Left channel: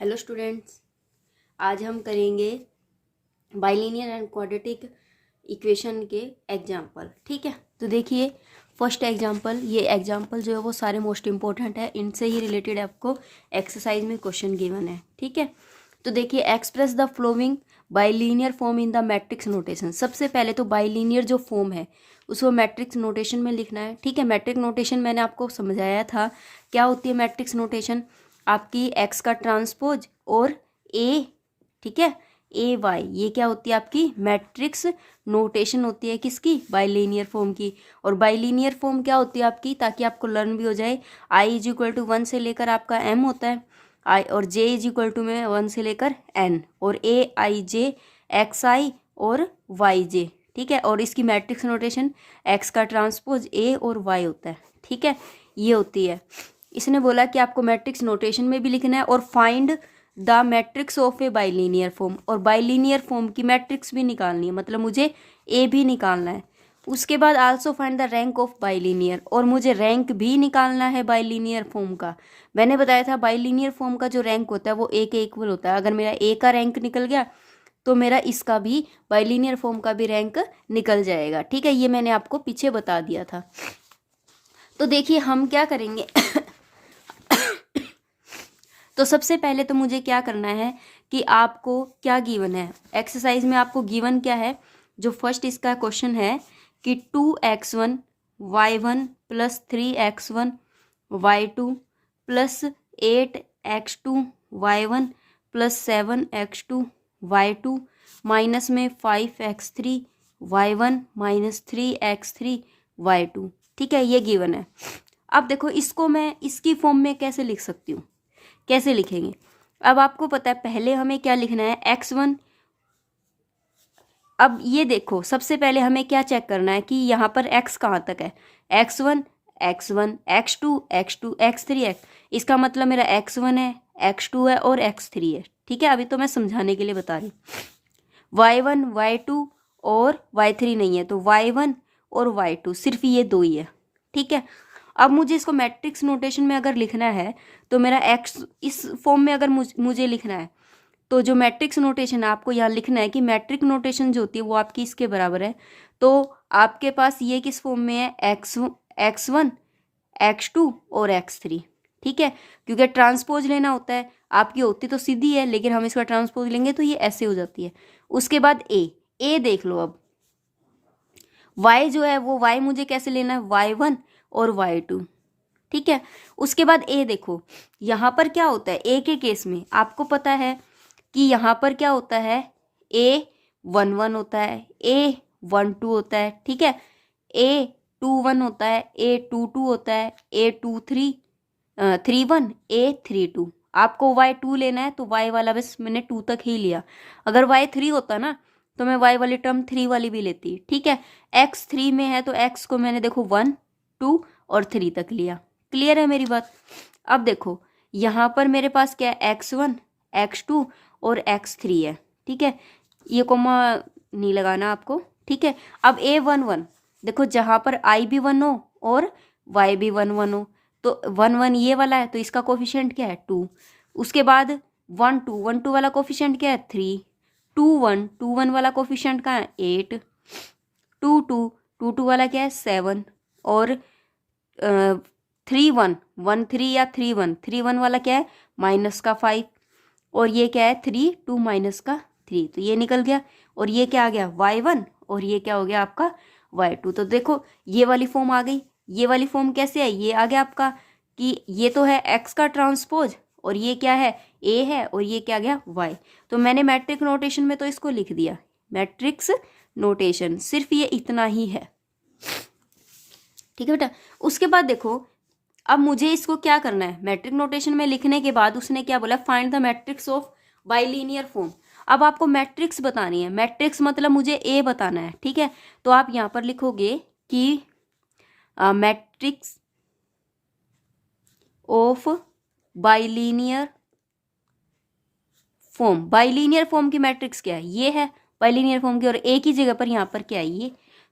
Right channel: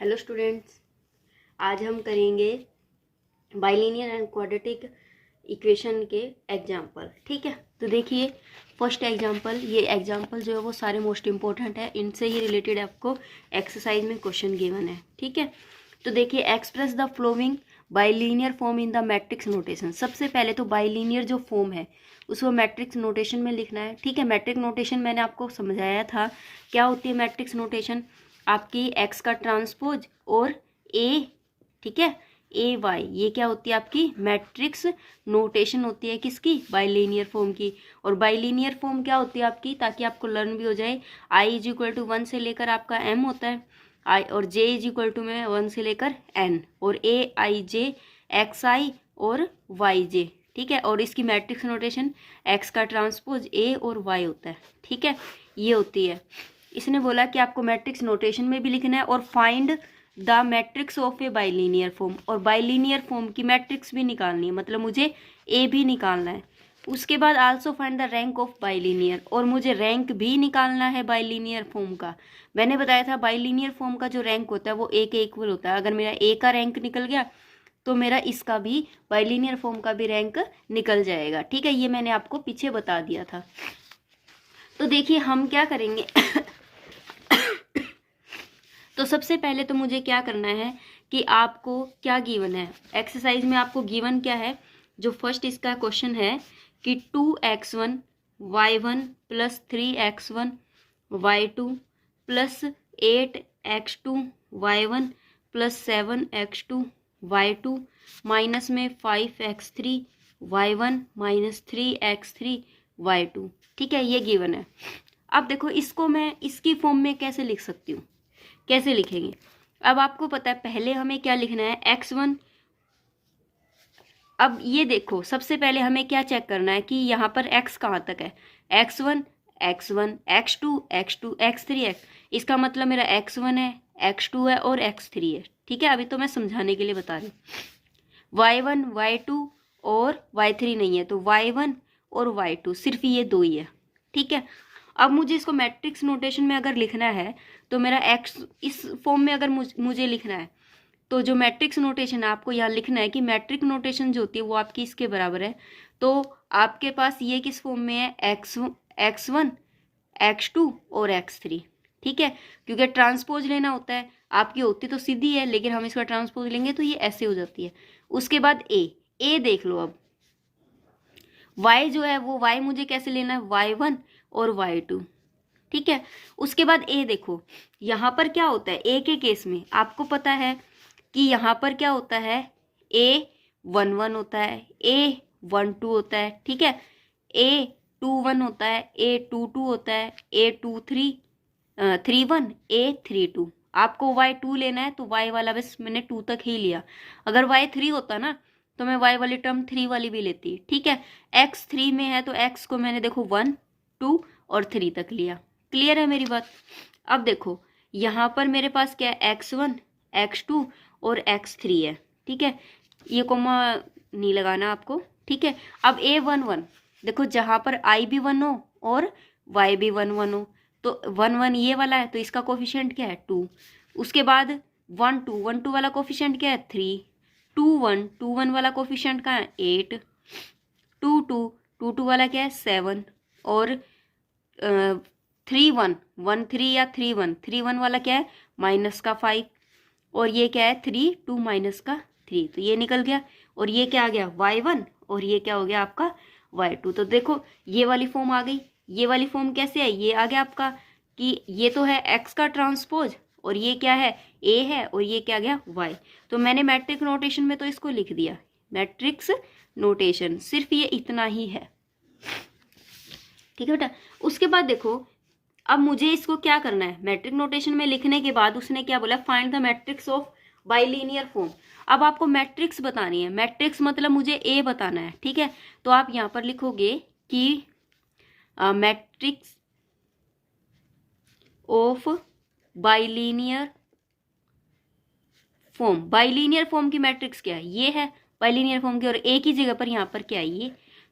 Hello students, आज हम करेंगे बाइलिनियर एंड क्वाड्रेटिक इक्वेशन के एग्जाम्पल। ठीक है, तो देखिए फर्स्ट एग्जाम्पल, ये एग्जाम्पल जो है वो सारे मोस्ट इंपॉर्टेंट है, इनसे ही रिलेटेड आपको एक्सरसाइज में क्वेश्चन गिवन है। ठीक है, तो देखिए express the flowing bilinear form in the matrix notation. सबसे पहले तो बाइलिनियर जो फॉर्म है उसको मैट्रिक्स नोटेशन में लिखना है। ठीक है, मैट्रिक्स नोटेशन मैंने आपको समझाया था क्या होती है। मैट्रिक्स नोटेशन आपकी एक्स का ट्रांसपोज और ए, ठीक है, ए वाई, ये क्या होती है आपकी मैट्रिक्स नोटेशन होती है किसकी, बाइलिनियर फॉर्म की। और बाइलिनियर फॉर्म क्या होती है आपकी, ताकि आपको लर्न भी हो जाए। आई इज इक्वल टू 1 से लेकर आपका एम होता है, आई और जे इज इक्वल टू में 1 से लेकर एन, और ए आई जे एक्स आई और वाई जे। ठीक है, और इसकी मैट्रिक्स नोटेशन एक्स का ट्रांसपोज ए और वाई होता है। ठीक है, ये होती है। इसने बोला कि आपको मैट्रिक्स नोटेशन में भी लिखना है और find the matrix of A bilinear form, और बाइलिनियर फॉर्म की मैट्रिक्स भी निकालनी है, मतलब मुझे ए भी निकालना है। उसके बाद also find the rank of bilinear, और मुझे रैंक भी निकालना है बाइलिनियर फॉर्म का। मैंने बताया था बाइलिनियर फॉर्म का जो रैंक होता है वो ए के इक्वल होता है। अगर मेरा ए का रैंक निकल गया तो मेरा इसका भी बाइलिनियर फॉर्म का भी रैंक निकल जाएगा। ठीक है, ये मैंने आपको पीछे बता दिया था। तो देखिए हम क्या करेंगे तो सबसे पहले तो मुझे क्या करना है कि आपको क्या गिवन है एक्सरसाइज में, आपको गिवन क्या है। जो फर्स्ट इसका क्वेश्चन है कि 2x1 y1 plus 3x1 y2 plus 8x2 y1 plus 7x2 y2 minus में 5x3 y1 minus 3x3 y2। ठीक है, ये गिवन है। अब देखो इसको मैं इसकी फॉर्म में कैसे लिख सकती हूँ, कैसे लिखेंगे। अब आपको पता है पहले हमें क्या लिखना है, x1। अब ये देखो सबसे पहले हमें क्या चेक करना है कि यहाँ पर x कहाँ तक है, x1 x1 x2 x2 x3 x। इसका मतलब मेरा x1 है, x2 है और x3 है। ठीक है, अभी तो मैं समझाने के लिए बता रही हूँ। y1 y2 और y3 नहीं है, तो y1 और y2 सिर्फ ये दो ही है। ठीक है, अब मुझे इसको मैट्रिक्स नोटेशन में अगर लिखना है तो मेरा x इस फॉर्म में अगर मुझे लिखना है तो जो मैट्रिक्स नोटेशन है आपको यहाँ लिखना है कि मैट्रिक नोटेशन जो होती है वो आपकी इसके बराबर है। तो आपके पास ये किस फॉर्म में है, x1 x2 और x3। ठीक है, क्योंकि ट्रांसपोज लेना होता है, आपकी होती तो सीधी है लेकिन हम इसका ट्रांसपोज लेंगे तो ये ऐसे हो जाती है। उसके बाद ए देख लो। अब y जो है वो y मुझे कैसे लेना है, y1 और y2। ठीक है, उसके बाद ए देखो, यहाँ पर क्या होता है ए के केस में आपको पता है कि यहाँ पर क्या होता है, A11 होता है, A12 होता है। ठीक है, A21 होता है, A22 होता है, A31 A32। आपको y2 लेना है तो y वाला बस मैंने 2 तक ही लिया। अगर y3 होता ना तो मैं y वाली टर्म 3 वाली भी लेती। ठीक है, x3 में है तो x को मैंने देखो 1 2 और 3 तक लिया। क्लियर है मेरी बात। अब देखो यहाँ पर मेरे पास क्या है, x1 x2 और x3 है। ठीक है, ये कोमा नहीं लगाना आपको। ठीक है, अब A11 देखो जहाँ पर I भी 1 हो और Y भी 1 हो तो 1 ये वाला है तो इसका कोफिशिएंट क्या है 2। उसके बाद 1 2 वाला कोफिशिएंट क्या है 3, 2 1 वाला कोफिशिएंट का है 8, 2 2 वाला क्या है 7, और 3 3 या 3 1 वाला क्या है माइनस का 5, और ये क्या है 3 2 माइनस का 3, तो ये निकल गया। और ये क्या आ गया y1 और ये क्या हो गया आपका y2। तो देखो ये वाली फॉर्म आ गई। ये वाली फॉर्म कैसे है, ये आ गया आपका कि ये तो है x का ट्रांसपोज और ये क्या है a है और ये क्या आ गया y। तो मैंने मैट्रिक्स नोटेशन में तो इसको लिख दिया, मैट्रिक्स नोटेशन सिर्फ ये इतना ही है। ठीक है बेटा, उसके बाद देखो अब मुझे इसको क्या करना है, मैट्रिक नोटेशन में लिखने के बाद उसने क्या बोला, find the matrix of bilinear form. अब आपको मैट्रिक्स बतानी है, मैट्रिक्स मतलब मुझे ए बताना है। ठीक है, तो आप यहाँ पर लिखोगे कि matrix of bilinear form. Bilinear form की मैट्रिक्स क्या है, ये है बाइलिनियर फॉर्म की, और ए की जगह पर यहाँ पर क्या है ये,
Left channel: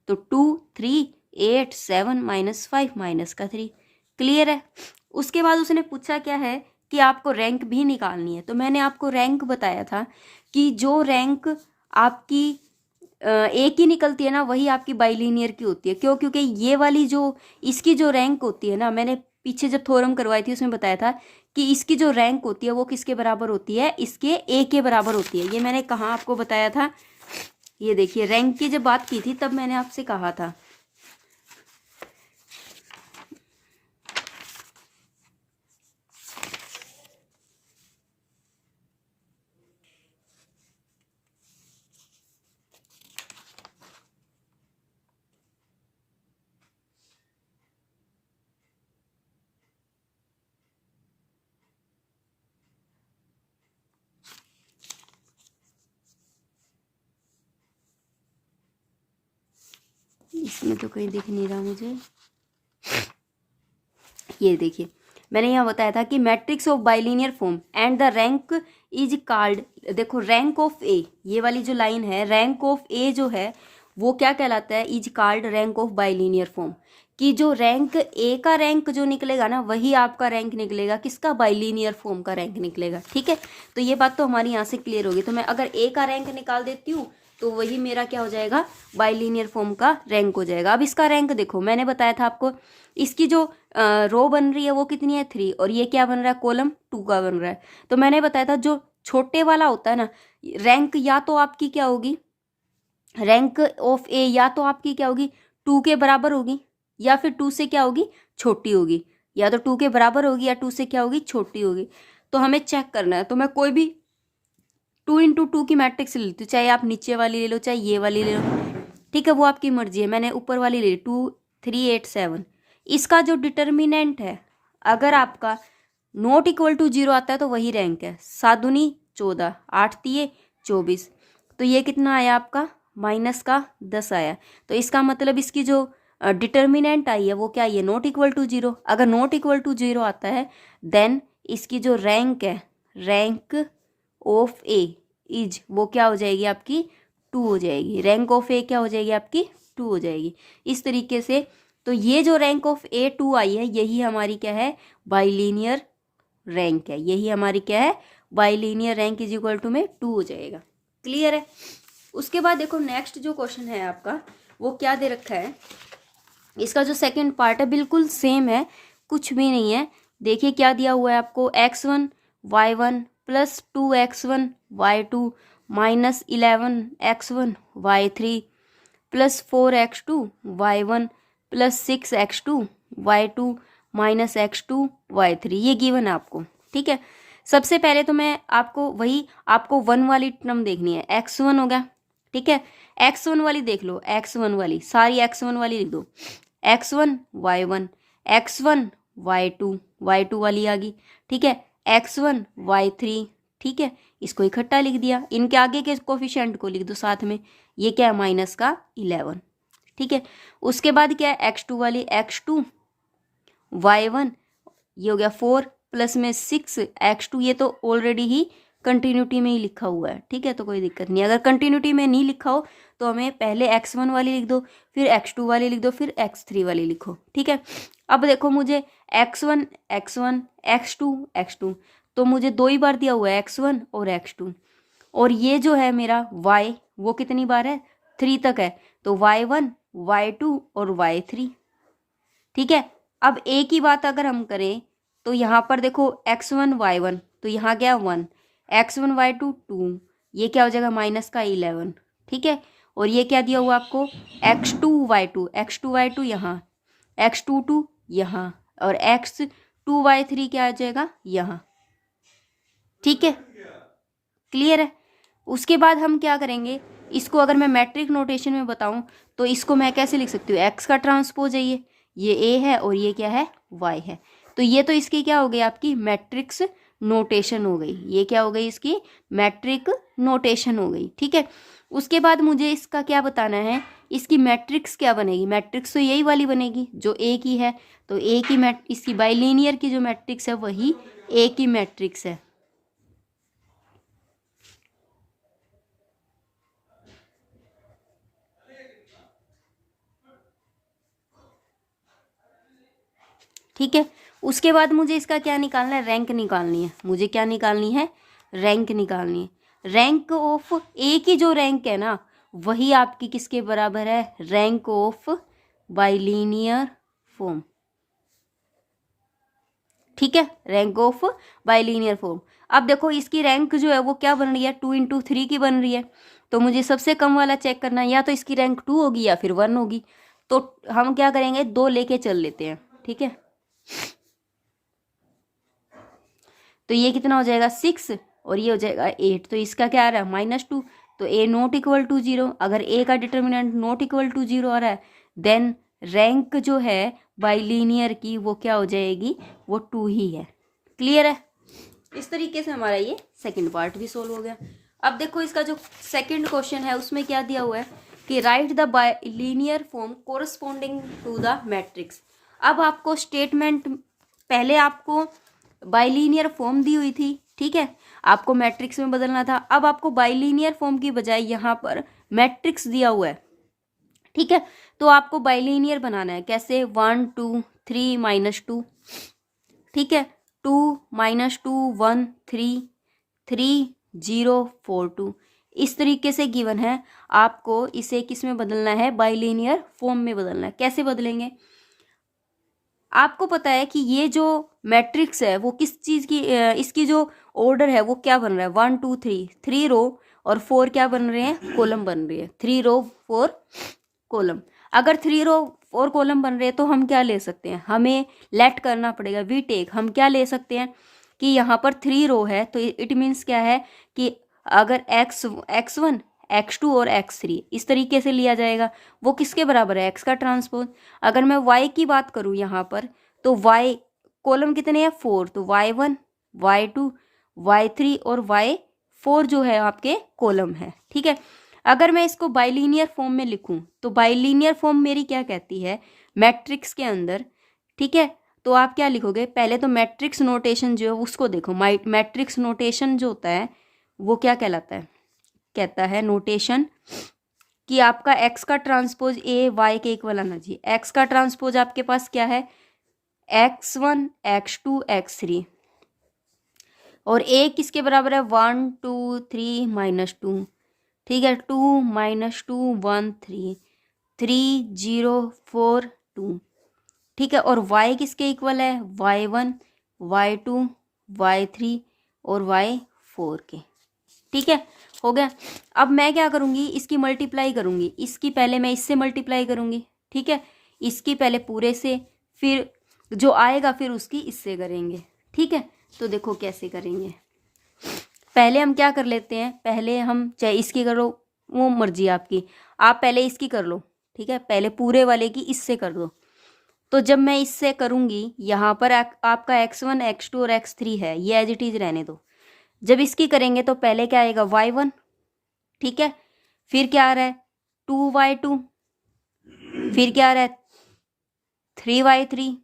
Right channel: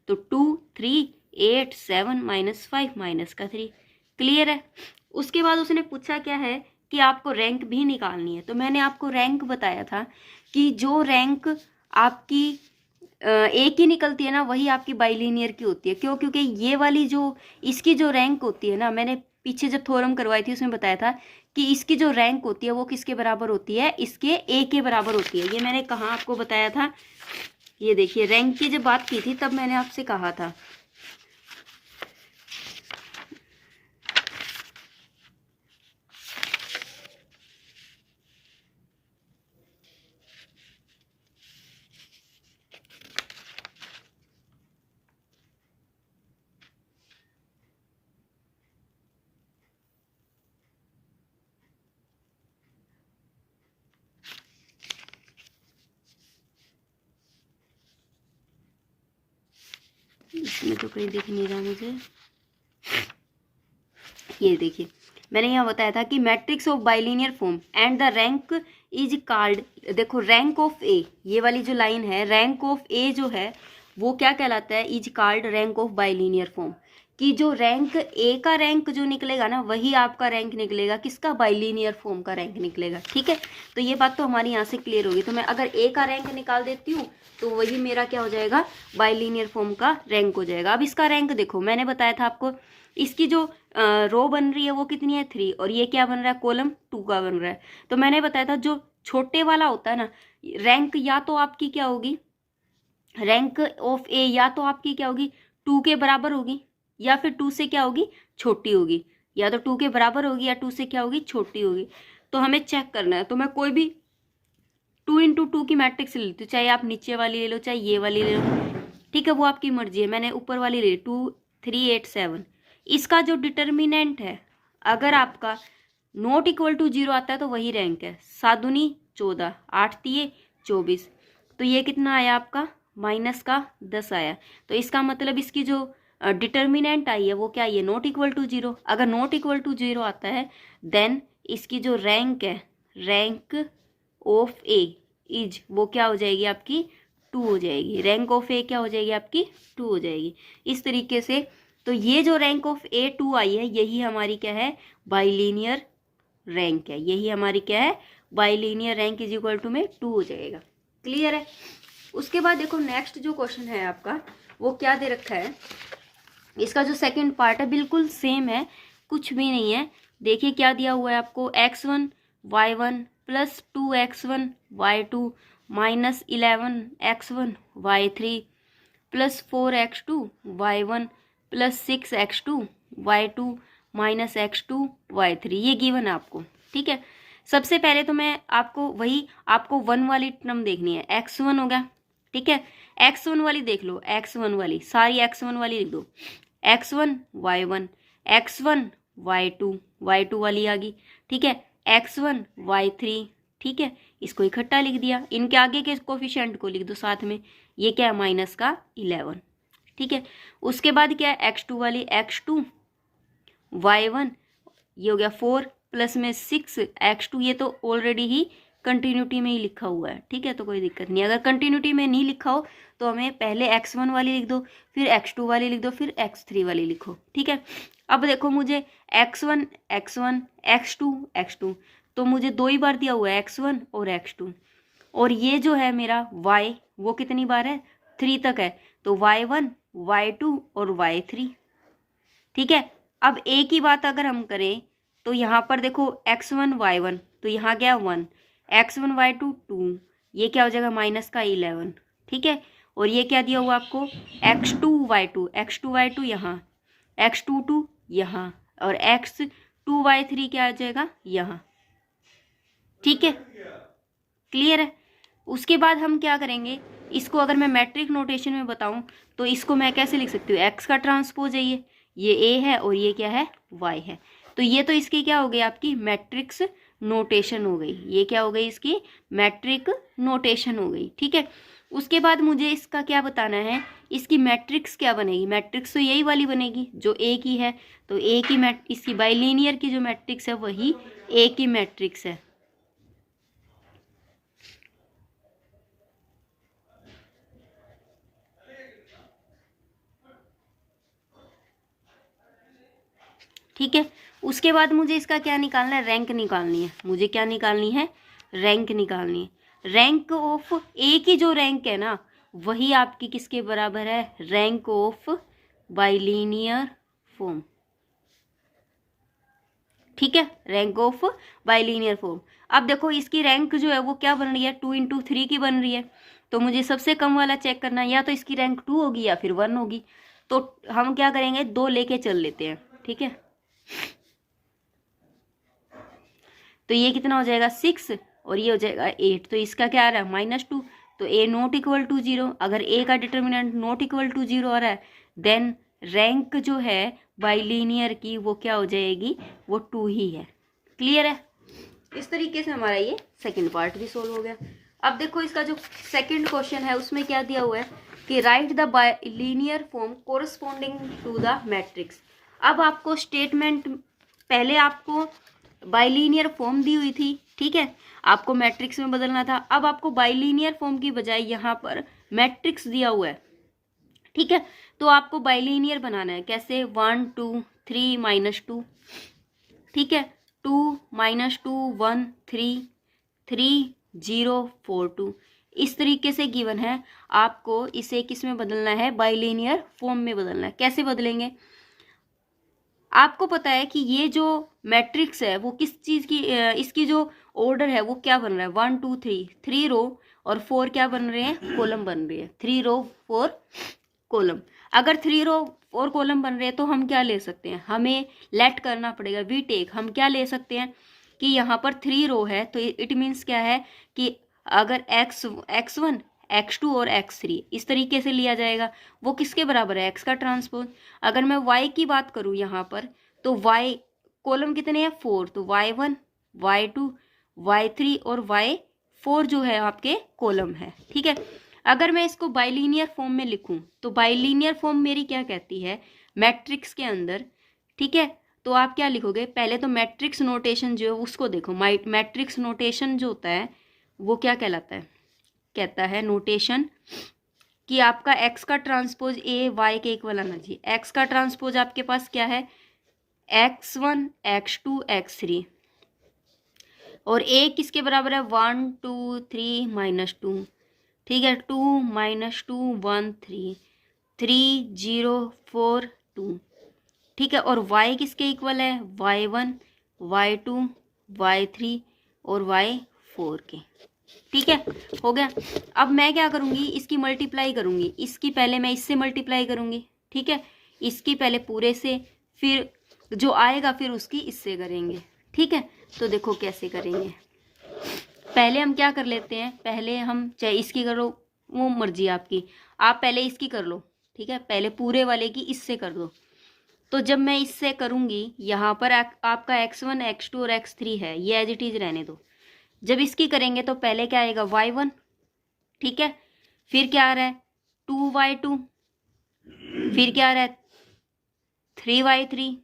तो 2 3 8 7 -5 -3। क्लियर है। उसके बाद उसने पूछा क्या है कि आपको रैंक भी निकालनी है। तो मैंने आपको रैंक बताया था कि जो रैंक आपकी एक ही निकलती है ना, वही आपकी बाइलीनियर की होती है। क्यों? क्योंकि ये वाली जो इसकी जो रैंक होती है ना, मैंने पीछे जब थ्योरम करवाई थी उसमें बताया था कि इसकी जो रैंक होती है वो किसके बराबर होती है, इसके ए के बराबर होती है। ये मैंने कहाँ आपको बताया था, ये देखिए रैंक की जब बात की थी तब मैंने आपसे कहा था। इसमें तो कहीं दिख नहीं रहा मुझे, ये देखिए मैंने यहाँ बताया था कि matrix of bilinear form and the rank is called, देखो रैंक ऑफ ए, ये वाली जो लाइन है रैंक ऑफ ए जो है वो क्या कहलाता है, is called rank of bilinear form. कि जो रैंक ए का रैंक जो निकलेगा ना वही आपका रैंक निकलेगा किसका, बाइलिनियर फॉर्म का रैंक निकलेगा। ठीक है, तो ये बात तो हमारी यहाँ से क्लियर होगी। तो मैं अगर ए का रैंक निकाल देती हूँ तो वही मेरा क्या हो जाएगा, बाइलिनियर फॉर्म का रैंक हो जाएगा। अब इसका रैंक देखो, मैंने बताया था आपको इसकी जो रो बन रही है वो कितनी है 3, और ये क्या बन रहा है, कॉलम 2 का बन रहा है। तो मैंने बताया था जो छोटे वाला होता है ना रैंक, या तो आपकी क्या होगी, रैंक ऑफ ए या तो आपकी क्या होगी 2 के बराबर होगी, या फिर 2 से क्या होगी, छोटी होगी। या तो 2 के बराबर होगी या 2 से क्या होगी, छोटी होगी। तो हमें चेक करना है। तो मैं कोई भी 2 × 2 की मैट्रिक्स ले लेती हूँ, चाहे आप नीचे वाली ले लो चाहे ये वाली ले लो, ठीक है, वो आपकी मर्जी है। मैंने ऊपर वाली ले ली 2 3 8 7। इसका जो डिटर्मिनेंट है अगर आपका नॉट इक्वल टू 0 आता है तो वही रैंक है। 7 दूनी 14, 8 तिये 24, तो ये कितना आया आपका, -10 आया। तो इसका मतलब इसकी जो डिटर्मिनेंट आई है वो क्या आई है, नॉट इक्वल टू 0। अगर नॉट इक्वल टू 0 आता है देन इसकी जो रैंक है, रैंक ऑफ ए इज, वो क्या हो जाएगी आपकी 2 हो जाएगी। रैंक ऑफ ए क्या हो जाएगी आपकी 2 हो जाएगी। इस तरीके से तो ये जो रैंक ऑफ ए 2 आई है यही हमारी क्या है, बाइलीनियर रैंक है। यही हमारी क्या है, bilinear rank is equal to में 2 हो जाएगा। क्लियर है। उसके बाद देखो नेक्स्ट जो क्वेश्चन है आपका वो क्या दे रखा है, इसका जो सेकंड पार्ट है बिल्कुल सेम है, कुछ भी नहीं है। देखिए क्या दिया हुआ है आपको, x1 y1 plus 2x1 y2 minus 11x1 y3 plus 4x2 y1 plus 6x2 y2 minus x2 y3, ये गिवन है आपको। ठीक है, सबसे पहले तो मैं आपको वही आपको 1 वाली टर्म देखनी है, x1 हो गया। ठीक है, x1 वाली देख लो, x1 वाली सारी x1 वाली लिख दो, x1 y1 x1 y2 y2 वाली आ गई। ठीक है, x1 y3, ठीक है, इसको इकट्ठा लिख दिया, इनके आगे के कोफिशिएंट को लिख दो साथ में, ये क्या है माइनस का 11। ठीक है, उसके बाद क्या है x2 वाली, x2 y1 ये हो गया 4 प्लस में 6 x2, ये तो ऑलरेडी ही कंटिन्यूटी में ही लिखा हुआ है। ठीक है, तो कोई दिक्कत नहीं। अगर कंटिन्यूटी में नहीं लिखा हो तो हमें पहले x1 वाली लिख दो, फिर x2 वाली लिख दो, फिर x3 वाली लिखो। ठीक है, अब देखो मुझे x1 x1 x2 x2, तो मुझे 2 ही बार दिया हुआ है x1 और x2, और ये जो है मेरा y वो कितनी बार है, 3 तक है, तो y1 y2 और y3। ठीक है, अब a की बात अगर हम करें तो यहाँ पर देखो x1 y1, तो यहाँ क्या 1, x1 y2 2, ये क्या हो जाएगा माइनस का 11। ठीक है, और ये क्या दिया हुआ आपको x2 y2 यहाँ, x22 यहाँ, और x2 y3 क्या आ जाएगा यहाँ। ठीक है, क्लियर है। उसके बाद हम क्या करेंगे, इसको अगर मैं मैट्रिक नोटेशन में बताऊं तो इसको मैं कैसे लिख सकती हूँ, x का ट्रांसपोज है ये a है और ये क्या है y है, तो ये तो इसकी क्या हो गई आपकी मैट्रिक्स नोटेशन हो गई। ये क्या हो गई इसकी मैट्रिक नोटेशन हो गई। ठीक है, उसके बाद मुझे इसका क्या बताना है, इसकी मैट्रिक्स क्या बनेगी, मैट्रिक्स तो यही वाली बनेगी जो ए की है, तो ए की इसकी बाइलीनियर की जो मैट्रिक्स है वही ए की मैट्रिक्स है। ठीक है, उसके बाद मुझे इसका क्या निकालना है, रैंक निकालनी है। मुझे क्या निकालनी है, रैंक निकालनी है। रैंक ऑफ ए की जो रैंक है ना, वही आपकी किसके बराबर है, रैंक ऑफ बाइलिनियर फॉर्म। ठीक है, रैंक ऑफ बाइलिनियर फॉर्म। अब देखो इसकी रैंक जो है वो क्या बन रही है, 2 × 3 की बन रही है। तो मुझे सबसे कम वाला चेक करना है, या तो इसकी रैंक 2 होगी या फिर 1 होगी। तो हम क्या करेंगे, 2 लेके चल लेते हैं। ठीक है, तो ये कितना हो जाएगा 6 और ये हो जाएगा 8। तो इसका क्या आ रहा है, -2। तो ए नॉट इक्वल टू 0। अगर ए का डिटर्मिनेंट नॉट इक्वल टू 0 आ रहा है, देन रैंक जो है बाइलिनियर की वो क्या हो जाएगी, वो 2 ही है। क्लियर है। इस तरीके से हमारा ये सेकंड पार्ट भी सोल्व हो गया। अब देखो इसका जो सेकंड क्वेश्चन है उसमें क्या दिया हुआ है कि right the bilinear form corresponding to the matrix. अब आपको स्टेटमेंट, पहले आपको बाइलिनियर फॉर्म दी हुई थी, ठीक है, आपको मैट्रिक्स में बदलना था। अब आपको बाइलिनियर फॉर्म की बजाय यहाँ पर मैट्रिक्स दिया हुआ है। ठीक है, तो आपको बाइलिनियर बनाना है। कैसे, 1 2 3 -2। ठीक है, 2 -2 1 3 3 0 4 2। इस तरीके से गिवन है। आपको इसे किस में बदलना है, बाइलिनियर फॉर्म में बदलना है। कैसे बदलेंगे, आपको पता है कि ये जो मैट्रिक्स है वो किस चीज़ की, इसकी जो ऑर्डर है वो क्या बन रहा है, 1 2 3, 3 रो और 4 क्या बन रहे हैं, कॉलम बन रही है। 3 रो 4 कॉलम। अगर 3 रो 4 कॉलम बन रहे हैं तो हम क्या ले सकते हैं, हमें लेट करना पड़ेगा, वी टेक। हम क्या ले सकते हैं कि यहाँ पर 3 रो है तो इट मीन्स क्या है कि अगर x1 x2 और x3 इस तरीके से लिया जाएगा, वो किसके बराबर है, x का ट्रांसपोज। अगर मैं y की बात करूँ यहाँ पर, तो y कॉलम कितने हैं, 4। तो y1 y2 y3 और y4 जो है आपके कॉलम है। ठीक है, अगर मैं इसको बाइलिनियर फॉर्म में लिखूं तो बाइलिनियर फॉर्म मेरी क्या कहती है, मैट्रिक्स के अंदर। ठीक है, तो आप क्या लिखोगे, पहले तो मैट्रिक्स नोटेशन जो है उसको देखो। मैट्रिक्स नोटेशन जो होता है वो क्या कहलाता है, कहता है नोटेशन कि आपका एक्स का ट्रांसपोज ए वाई के इक्वल आना चाहिए। एक्स का ट्रांसपोज आपके पास क्या है, x1 x2 x3 और ए किसके बराबर है, 1 2 3 -2। ठीक है, 2 -2 1 3 3 0 4 2। ठीक है, और y किसके इक्वल है, y1 y2 y3 और y4 के। ठीक है, हो गया। अब मैं क्या करूँगी, इसकी मल्टीप्लाई करूँगी। इसकी पहले मैं इससे मल्टीप्लाई करूँगी। ठीक है, इसकी पहले पूरे से, फिर जो आएगा फिर उसकी इससे करेंगे। ठीक है, तो देखो कैसे करेंगे। पहले हम क्या कर लेते हैं, पहले हम चाहे इसकी करो, वो मर्जी आपकी, आप पहले इसकी कर लो। ठीक है, पहले पूरे वाले की इससे कर दो। तो जब मैं इससे करूँगी, यहाँ पर आपका x1 x2 और x3 है, ये एज इट इज रहने दो। जब इसकी करेंगे तो पहले क्या आएगा, y1। ठीक है, फिर क्या आ रहा है 2y2, फिर क्या आ रहा है 3y3,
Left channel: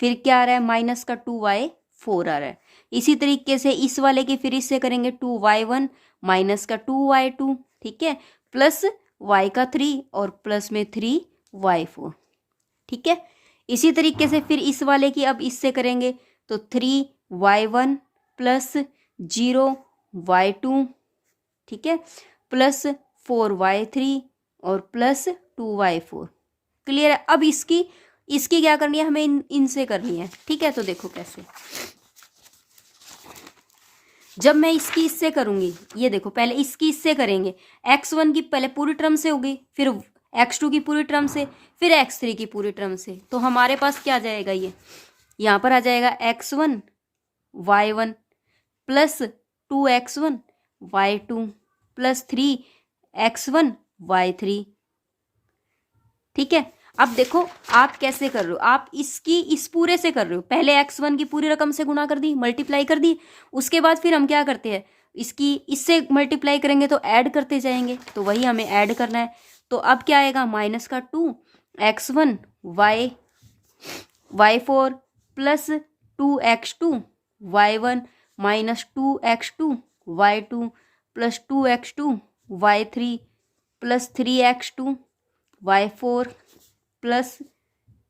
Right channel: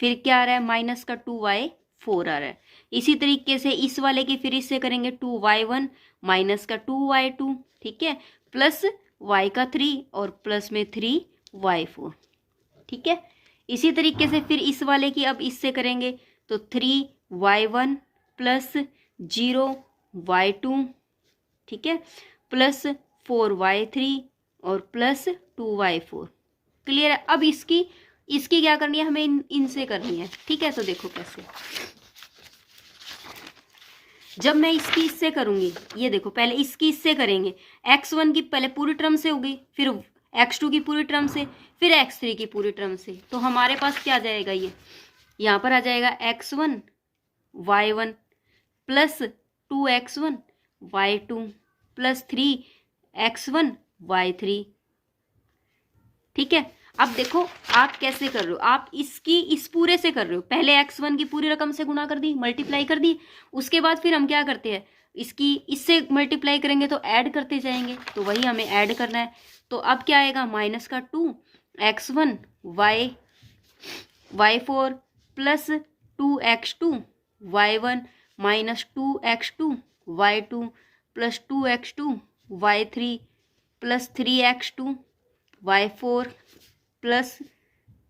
फिर क्या आ रहा है माइनस का 2y4 आ रहा है। इसी तरीके से इस वाले की फिर इससे करेंगे 2y1 माइनस का 2y2। ठीक है, प्लस y का 3 और प्लस में 3y4। ठीक है, इसी तरीके से फिर इस वाले की अब इससे करेंगे तो 3y1 प्लस 0y2। ठीक है, प्लस 4y3 और प्लस 2y4। क्लियर है। अब इसकी क्या करनी है, हमें इनसे करनी है। ठीक है, तो देखो कैसे। जब मैं इसकी इससे करूंगी, ये देखो पहले इसकी इससे करेंगे, x1 की पहले पूरी टर्म से होगी, फिर x2 की पूरी टर्म से, फिर x3 की पूरी टर्म से। तो हमारे पास क्या आ जाएगा, ये यहाँ पर आ जाएगा x1 y1 plus 2x1 y2 plus 3x1 y3। ठीक है, अब देखो आप कैसे कर रहे हो, आप इसकी इस पूरे से कर रहे हो। पहले x1 की पूरी रकम से गुणा कर दी, मल्टीप्लाई कर दी। उसके बाद फिर हम क्या करते हैं, इसकी इससे मल्टीप्लाई करेंगे तो ऐड करते जाएंगे, तो वही हमें ऐड करना है। तो अब क्या आएगा, माइनस का 2x1 y4 plus 2x2 y1 minus 2x2 y2 plus 2x2 y3 plus 3x2 y4 plus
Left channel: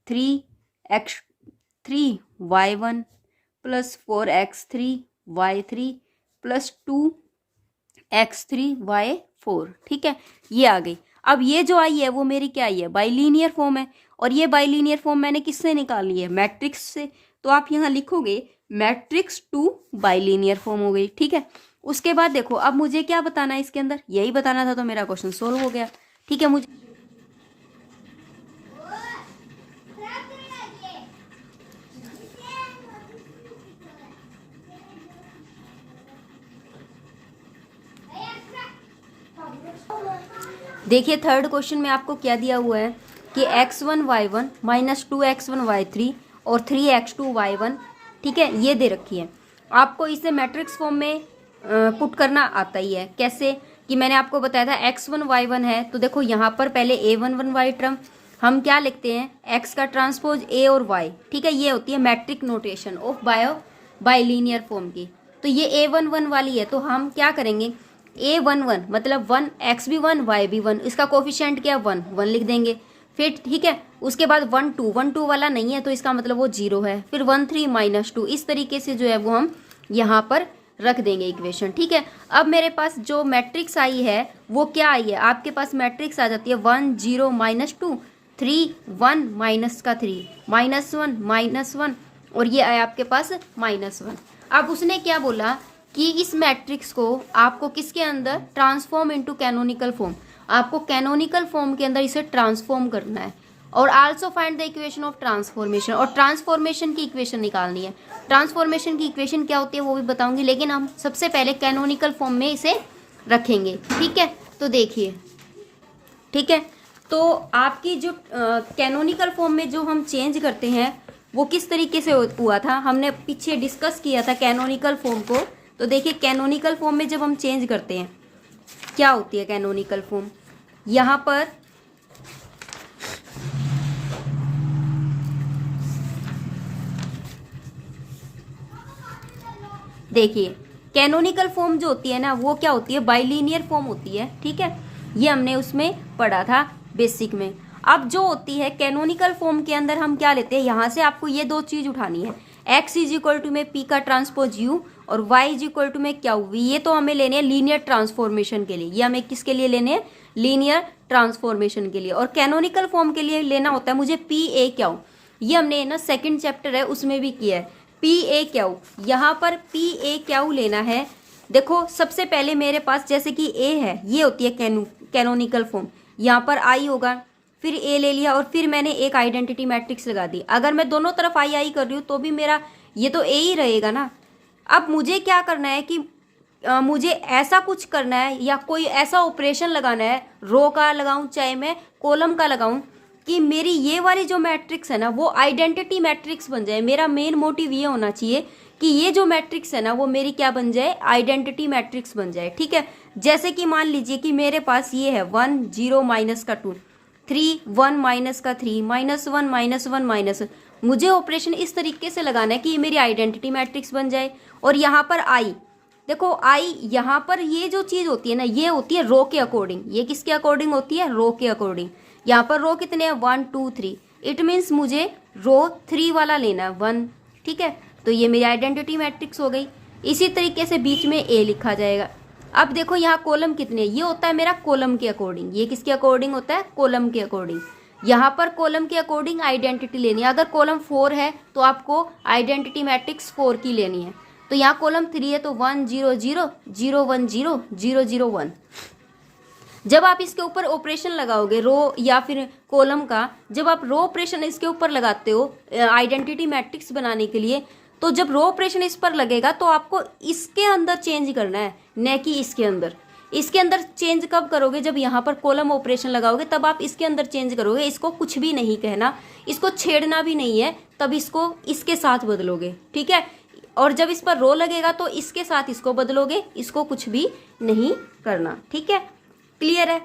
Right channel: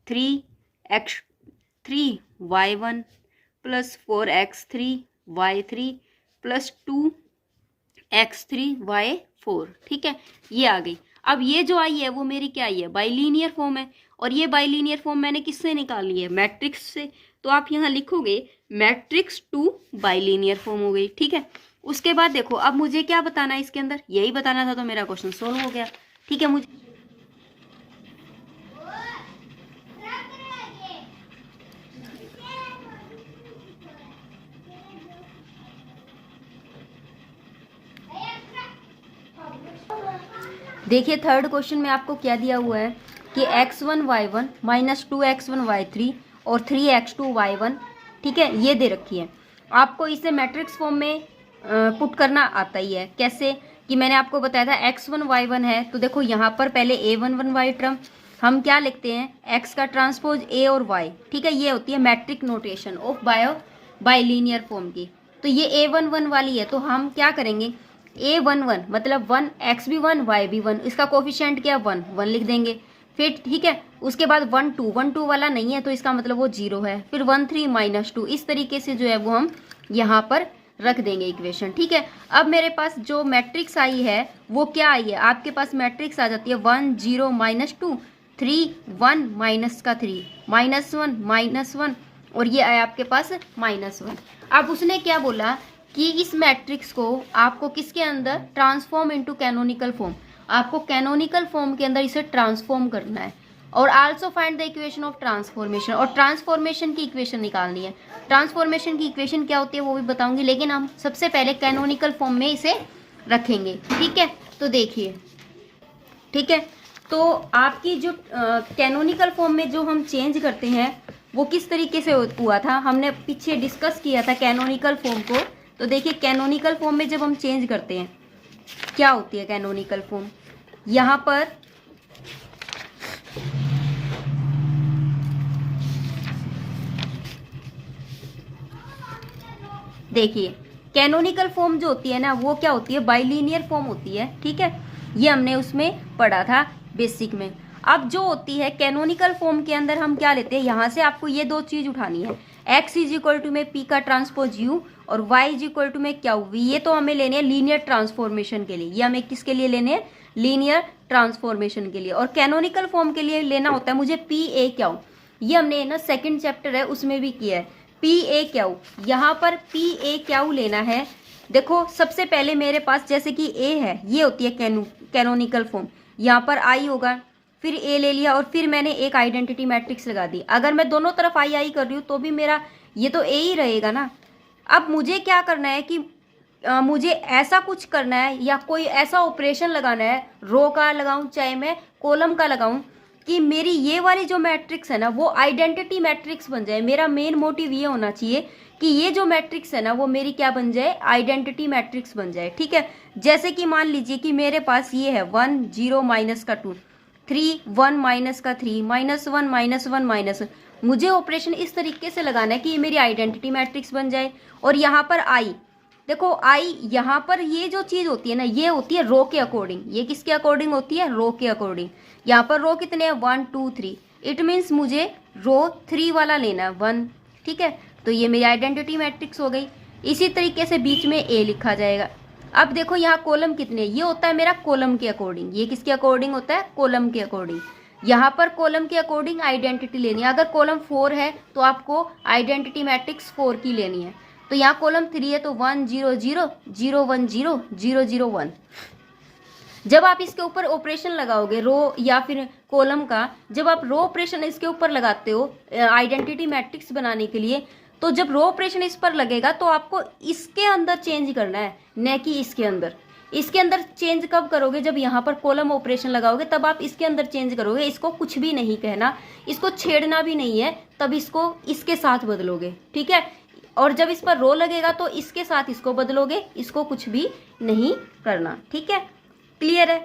3x 3y1 plus 4x3y3 plus 2x3y4, ठीक है, ये आ गई। अब ये जो आई है वो मेरी क्या आई है, बाइलीनियर फॉर्म है, और ये बाइलीनियर फॉर्म मैंने किससे निकाली है, मैट्रिक्स से। तो आप यहाँ लिखोगे मैट्रिक्स टू बाइलीनियर फॉर्म हो गई, ठीक है। उसके बाद देखो अब मुझे क्या बताना है इसके अंदर, यही बताना था, तो मेरा क्वेश्चन सोल्व हो गया, ठीक है। मुझे देखिए थर्ड क्वेश्चन में आपको क्या दिया हुआ है कि x1y1 माइनस 2x1y3 और 3x2y1, ठीक है, ये दे रखी है। आपको इसे मैट्रिक्स फॉर्म में पुट करना आता ही है। कैसे कि मैंने आपको बताया था x1y1 है, तो देखो यहाँ पर पहले a11y टर्म हम क्या लिखते हैं, x का ट्रांसपोज a और y, ठीक है, ये होती है matric notation of bilinear form की। तो ये a11 वाली है, तो हम क्या करेंगे, a11 मतलब 1, x भी 1 y भी 1, इसका कोफिशिएंट क्या 1 लिख देंगे। फिर ठीक है, उसके बाद 1 2 वाला नहीं है तो इसका मतलब वो 0 है। फिर 1 3 माइनस 2, इस तरीके से जो है वो हम यहाँ पर रख देंगे इक्वेशन, ठीक है। अब मेरे पास जो मैट्रिक्स आई है वो क्या आई है, आपके पास मैट्रिक्स आ जाती है 1 0 माइनस 2 3 1 माइनस का 3 -1 -1, और ये आया आपके पास -1। अब उसने क्या बोला कि इस मैट्रिक्स को आपको किसके अंदर ट्रांसफॉर्म इनटू कैनोनिकल फॉर्म, आपको कैनोनिकल फॉर्म के अंदर इसे ट्रांसफॉर्म करना है, और also find the equation of transformation, और ट्रांसफॉर्मेशन की इक्वेशन निकालनी है। ट्रांसफॉर्मेशन की इक्वेशन क्या होती है वो भी बताऊंगी, लेकिन हम सबसे पहले कैनोनिकल फॉर्म में इसे रखेंगे, ठीक है। तो देखिए, ठीक है, तो आपकी जो कैनोनिकल फॉर्म में जो हम चेंज करते हैं वो किस तरीके से हुआ था, हमने पीछे डिस्कस किया था कैनोनिकल फॉर्म को। तो देखिए कैनोनिकल फॉर्म में जब हम चेंज करते हैं क्या होती है कैनोनिकल फॉर्म, यहाँ पर देखिए कैनोनिकल फॉर्म जो होती है ना वो क्या होती है, बाइलीनियर फॉर्म होती है, ठीक है, ये हमने उसमें पढ़ा था बेसिक में। अब जो होती है कैनोनिकल फॉर्म के अंदर हम क्या लेते हैं, यहाँ से आपको ये दो चीज उठानी है, x इज इक्वल टू में p का ट्रांसपोज u और y इज इक्वल टू में क्या v, ये तो हमें लेने हैं लीनियर ट्रांसफॉर्मेशन के लिए, ये हमें किसके लिए लेने हैं, लीनियर ट्रांसफॉर्मेशन के लिए। और कैनोनिकल फॉर्म के लिए लेना होता है मुझे p a क्या, ये हमने ना सेकंड चैप्टर है उसमें भी किया है, पी ए क्यू, यहाँ पर पी ए क्यू लेना है। देखो सबसे पहले मेरे पास जैसे कि ए है, ये होती है कैनोनिकल फॉर्म, यहाँ पर आई होगा, फिर ए ले लिया और फिर मैंने एक आइडेंटिटी मैट्रिक्स लगा दी। अगर मैं दोनों तरफ आई कर रही हूँ तो भी मेरा ये तो ए ही रहेगा ना। अब मुझे क्या करना है कि मुझे ऐसा कुछ करना है या कोई ऐसा ऑपरेशन लगाना है, रो का लगाऊं चाहे मैं कॉलम का लगाऊं, कि मेरी ये वाली जो मैट्रिक्स है ना वो आइडेंटिटी मैट्रिक्स बन जाए। मेरा मेन मोटिव ये होना चाहिए कि ये जो मैट्रिक्स है ना वो मेरी क्या बन जाए, आइडेंटिटी मैट्रिक्स बन जाए, ठीक है। जैसे कि मान लीजिए कि मेरे पास ये है 1 0 माइनस का 2 3 1 माइनस का 3 -1 -1 -1, मुझे ऑपरेशन इस तरीके से लगाना है कि ये मेरी आइडेंटिटी मैट्रिक्स बन जाए। और यहाँ पर आई, देखो आई यहाँ पर ये जो चीज होती है ना ये होती है रो के अकॉर्डिंग, ये किसके अकॉर्डिंग होती है, रो के अकॉर्डिंग। यहाँ पर रो कितने हैं 1 2 3, इट मीन्स मुझे रो 3 वाला लेना है 1, ठीक है। तो ये मेरी आइडेंटिटी मैट्रिक्स हो गई। इसी तरीके से बीच में ए लिखा जाएगा। अब देखो यहाँ कॉलम कितने, ये होता है मेरा कॉलम के अकॉर्डिंग, ये किसके अकॉर्डिंग होता है, कॉलम के अकॉर्डिंग। यहाँ पर कॉलम के अकॉर्डिंग आइडेंटिटी लेनी है। अगर कॉलम 4 है तो आपको आइडेंटिटी मैट्रिक्स 4 की लेनी है। तो यहाँ कॉलम 3 है तो 1 0 0 0 1 0 0 0 1। जब आप इसके ऊपर ऑपरेशन लगाओगे रो या फिर कॉलम का, जब आप रो ऑपरेशन इसके ऊपर लगाते हो आइडेंटिटी मैट्रिक्स बनाने के लिए, तो जब रो ऑपरेशन इस पर लगेगा तो आपको इसके अंदर चेंज करना है, न कि इसके अंदर। इसके अंदर चेंज कब करोगे, जब यहाँ पर कॉलम ऑपरेशन लगाओगे तब आप इसके अंदर चेंज करोगे। इसको कुछ भी नहीं कहना, इसको छेड़ना भी नहीं है, तब इसको इसके साथ बदलोगे, ठीक है। और जब इस पर रो लगेगा तो इसके साथ इसको बदलोगे, इसको कुछ भी नहीं करना, ठीक है। क्लियर है,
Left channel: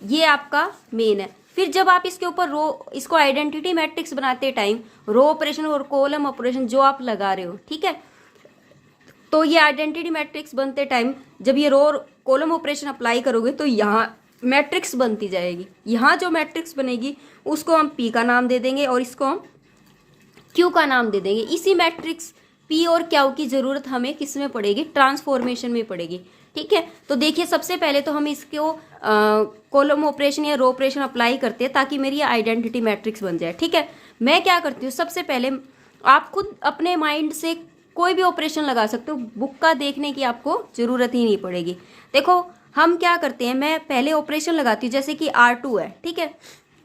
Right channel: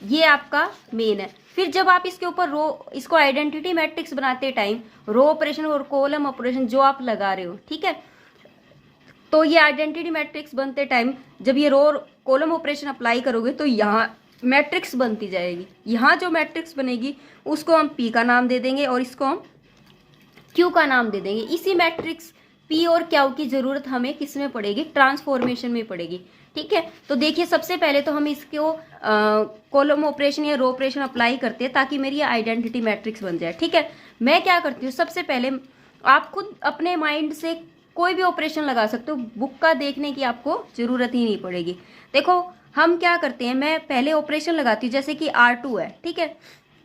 ये आपका मेन है। फिर जब आप इसके ऊपर रो, इसको आइडेंटिटी मैट्रिक्स बनाते टाइम रो ऑपरेशन और कॉलम ऑपरेशन जो आप लगा रहे हो, ठीक है, तो ये आइडेंटिटी मैट्रिक्स बनते टाइम जब ये रो और कॉलम ऑपरेशन अप्लाई करोगे तो यहाँ मैट्रिक्स बनती जाएगी। यहाँ जो मैट्रिक्स बनेगी उसको हम पी का नाम दे देंगे और इसको हम क्यू का नाम दे देंगे। इसी मैट्रिक्स पी और क्यू की जरूरत हमें किस में पड़ेगी, ट्रांसफॉर्मेशन में पड़ेगी। ठीक है, तो देखिए सबसे पहले तो हम इसको कॉलम ऑपरेशन या रो ऑपरेशन अप्लाई करते हैं ताकि मेरी आइडेंटिटी मैट्रिक्स बन जाए। ठीक है, मैं क्या करती हूँ, सबसे पहले आप खुद अपने माइंड से कोई भी ऑपरेशन लगा सकते हो, बुक का देखने की आपको जरूरत ही नहीं पड़ेगी। देखो हम क्या करते हैं, मैं पहले ऑपरेशन लगाती हूँ, जैसे कि R2 है। ठीक है,